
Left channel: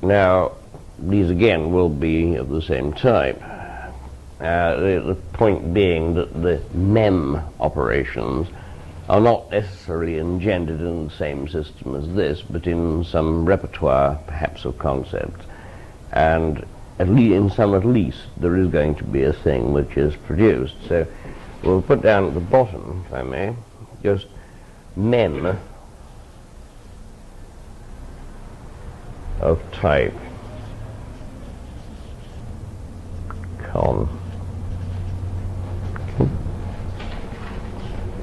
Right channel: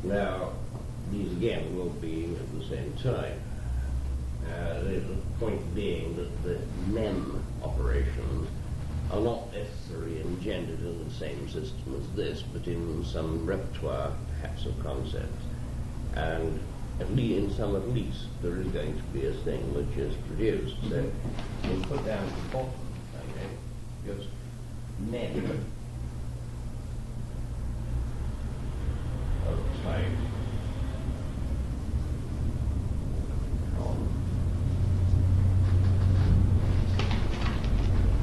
Now, these again will be of the same type. The point being that the mem operations are not necessarily engendered in the same system as this, but in some repertoire, perhaps, of concepts. And in some at least, there is going to be a thing which is produced. So we'll put down at the bottom, if I may, just mem of type con.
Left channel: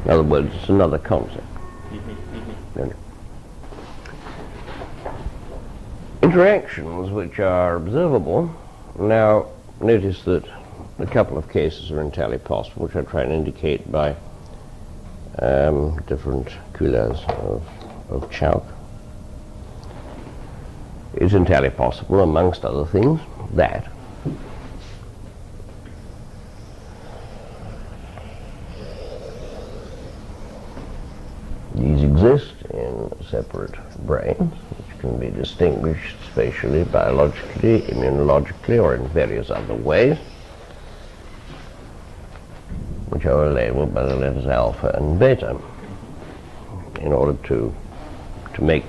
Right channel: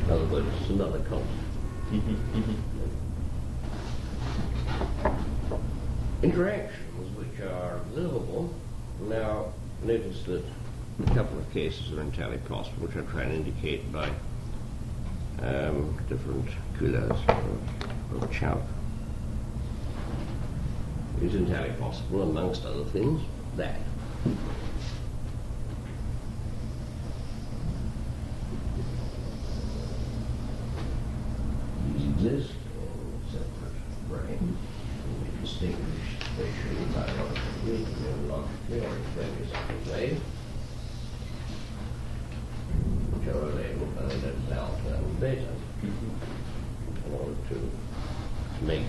In other words, it's another concept. Interactions which are observable. Now, notice that a couple of cases are entirely possible, which I try and indicate by different couleurs of chalk. It's entirely possible, amongst other things, that these exist in separate brains, which can be distinguished spatially, biologically, immunologically, or in various other ways, which are labeled by the letters alpha and beta, in order to make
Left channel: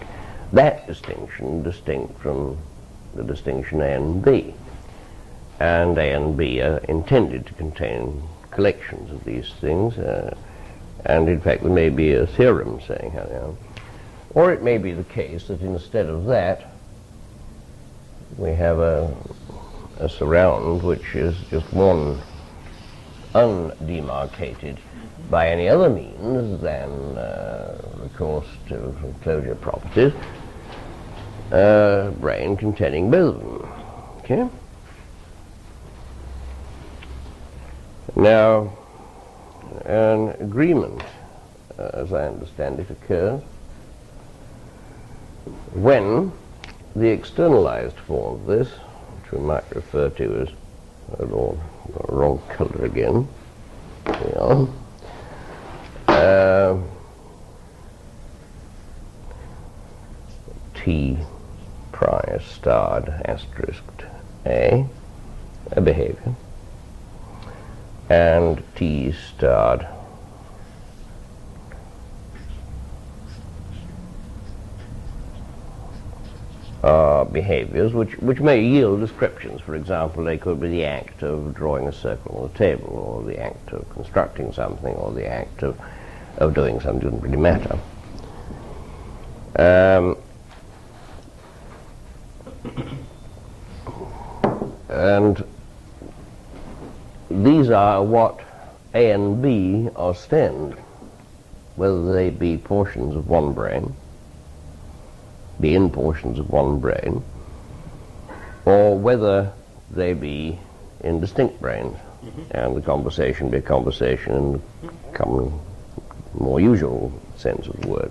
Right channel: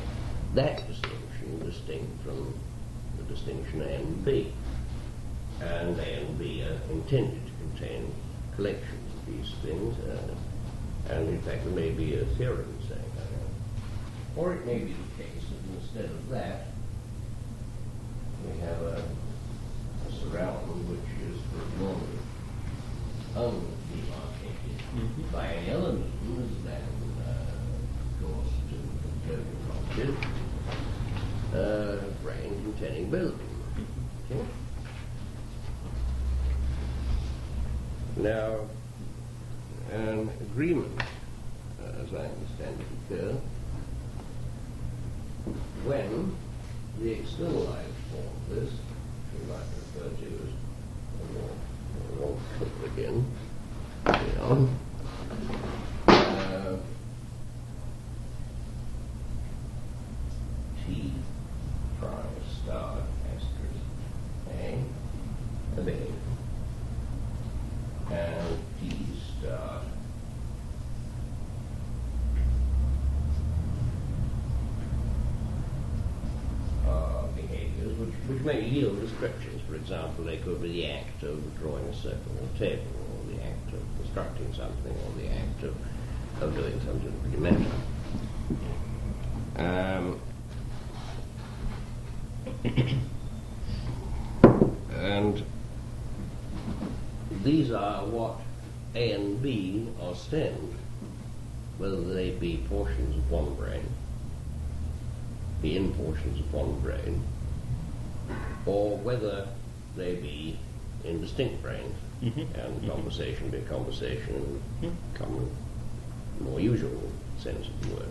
that distinction distinct from the distinction A and B. And A and B are intended to contain collections of these things, and in fact there may be a theorem saying how they are. Or it may be the case that instead of that we have a surround which is just one undemarcated by any other means than recourse to closure properties, brain containing both of them. Okay? Now, an agreement as I understand it, occurs when the externalized form of this, which we might refer to as wrong color again, T prior starred asterisked A behavior, and T starred behaviors which may yield descriptions. For example, they could be the act of drawing a circle on a table, or the act of constructing something, or the act of doing something. Doesn't really matter. And these are what A and B ostend, whether they be portions of one brain, be in portions of one brain, or whether they be in distinct brains, and the conversation be a conversation in the common, more usual sense of the word.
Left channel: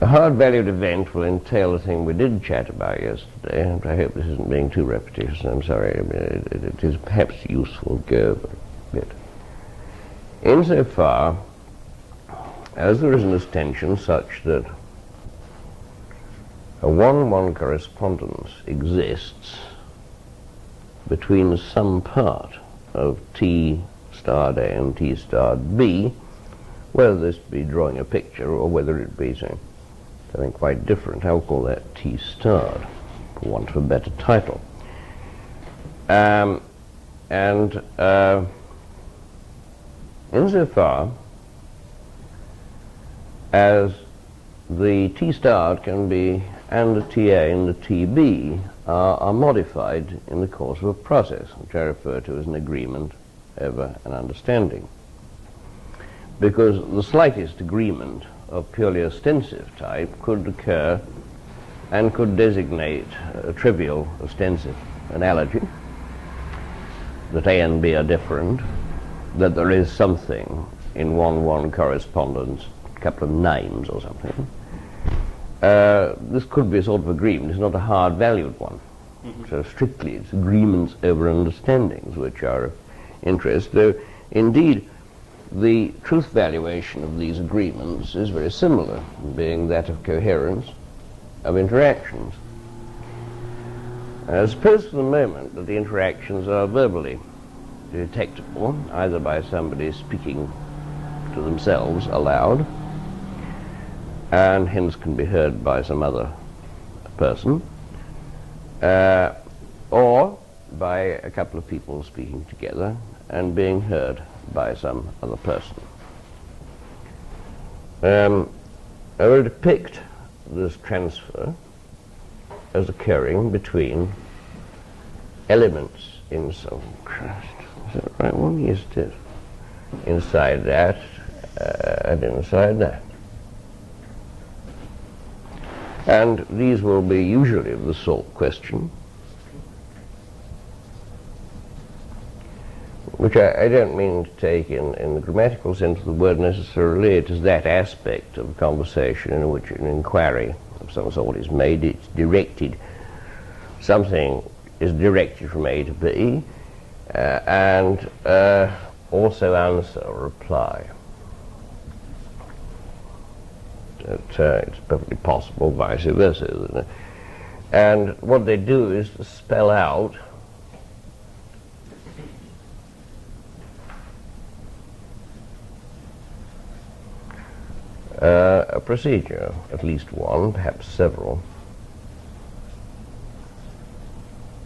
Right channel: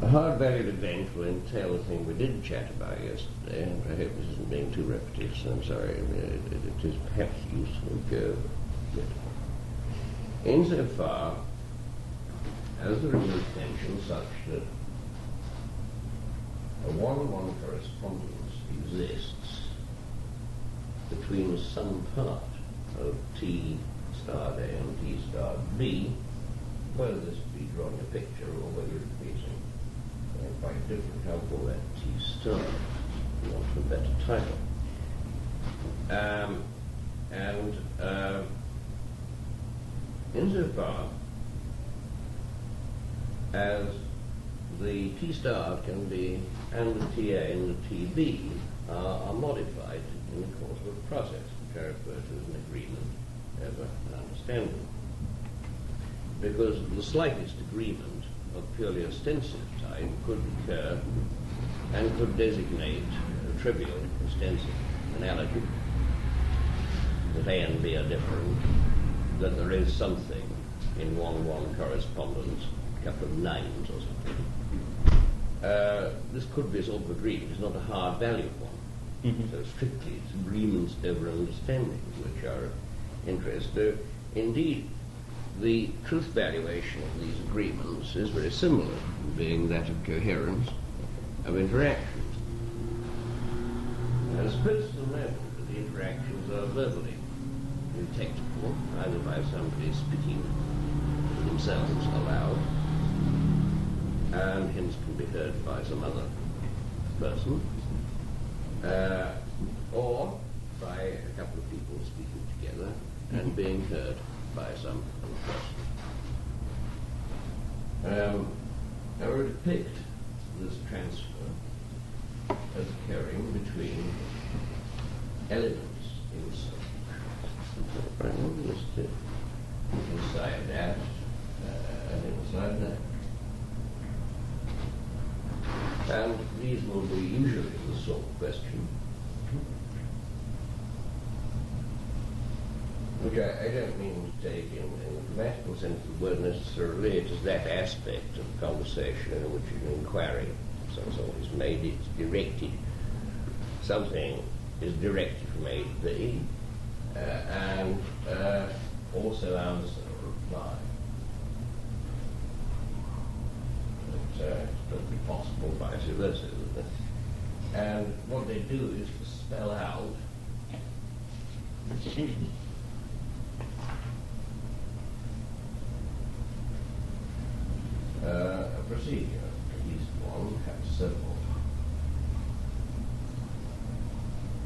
A hard-valued event will entail the thing we did chat about yesterday, and I hope this isn't being too repetitious, and I'm sorry. I mean, it is perhaps useful to go over a bit. Insofar as there is this tension such that a 1-1 correspondence exists between some part of T starred A and T starred B, whether this be drawing a picture or whether it be something quite different. I'll call that T starred, for want of a better title. Insofar as the T starred can be, and the TA and the TB are modified in the course of a process, which I refer to as an agreement over an understanding. Because the slightest agreement of purely ostensive type could occur and could designate a trivial ostensive analogy, that A and B are different, that there is something in 1-1 correspondence, a couple of names or something. This could be a sort of agreement. It's not a hard-valued one. So strictly, it's agreements over understandings which are of interest, though indeed the truth valuation of these agreements is very similar, being that of coherence of interactions. Suppose for the moment that the interactions are verbally detectable, either by somebody speaking to themselves aloud, and hence can be heard by some other person, or by a couple of people speaking together and being heard by some other person. I will depict this transfer as occurring between elements in some crust. Is that the right one? Yes, it is. Inside that and inside that. And these will be usually of the sort question, which I don't mean to take in the grammatical sense of the word necessarily. It is that aspect of conversation in which an inquiry of some sort is made. It's directed, something is directed from A to B, and also answer or reply. It's perfectly possible vice versa, isn't it? And what they do is to spell out a procedure, at least one, perhaps several,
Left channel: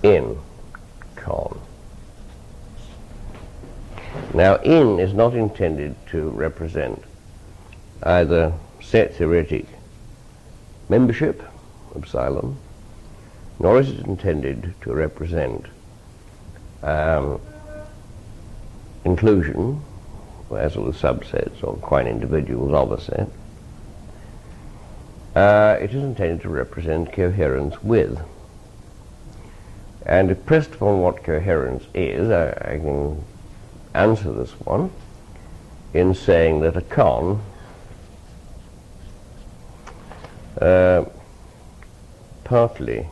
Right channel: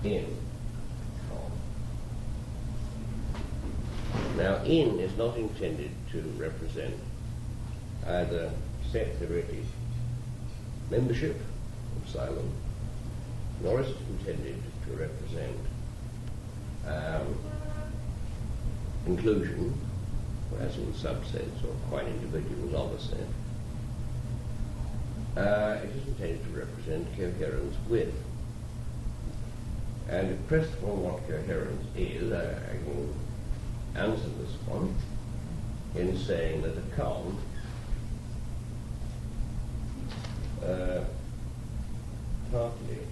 in con. Now, in is not intended to represent either set theoretic membership, epsilon, nor is it intended to represent inclusion, as of the subsets or quite individuals of a set. It is intended to represent coherence with. And if pressed upon what coherence is, I can answer this one in saying that a con partly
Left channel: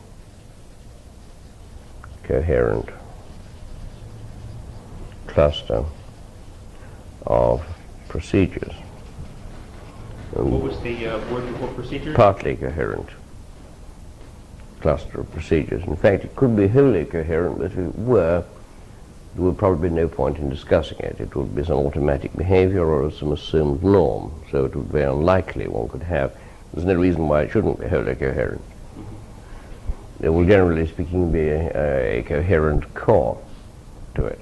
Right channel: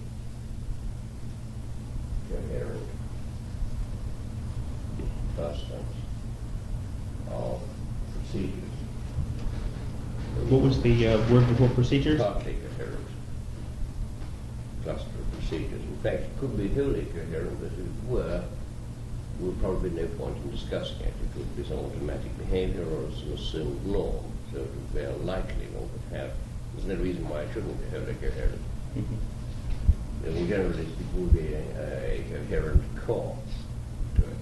coherent cluster of procedures. What was the word for procedures? Partly coherent cluster of procedures. In fact, it could be wholly coherent, but if it were, there would probably be no point in discussing it. It would be some automatic behavior or some assumed norm, so it would be unlikely one could have. There's no reason why it shouldn't be wholly coherent. There will, generally speaking, be a coherent core to it.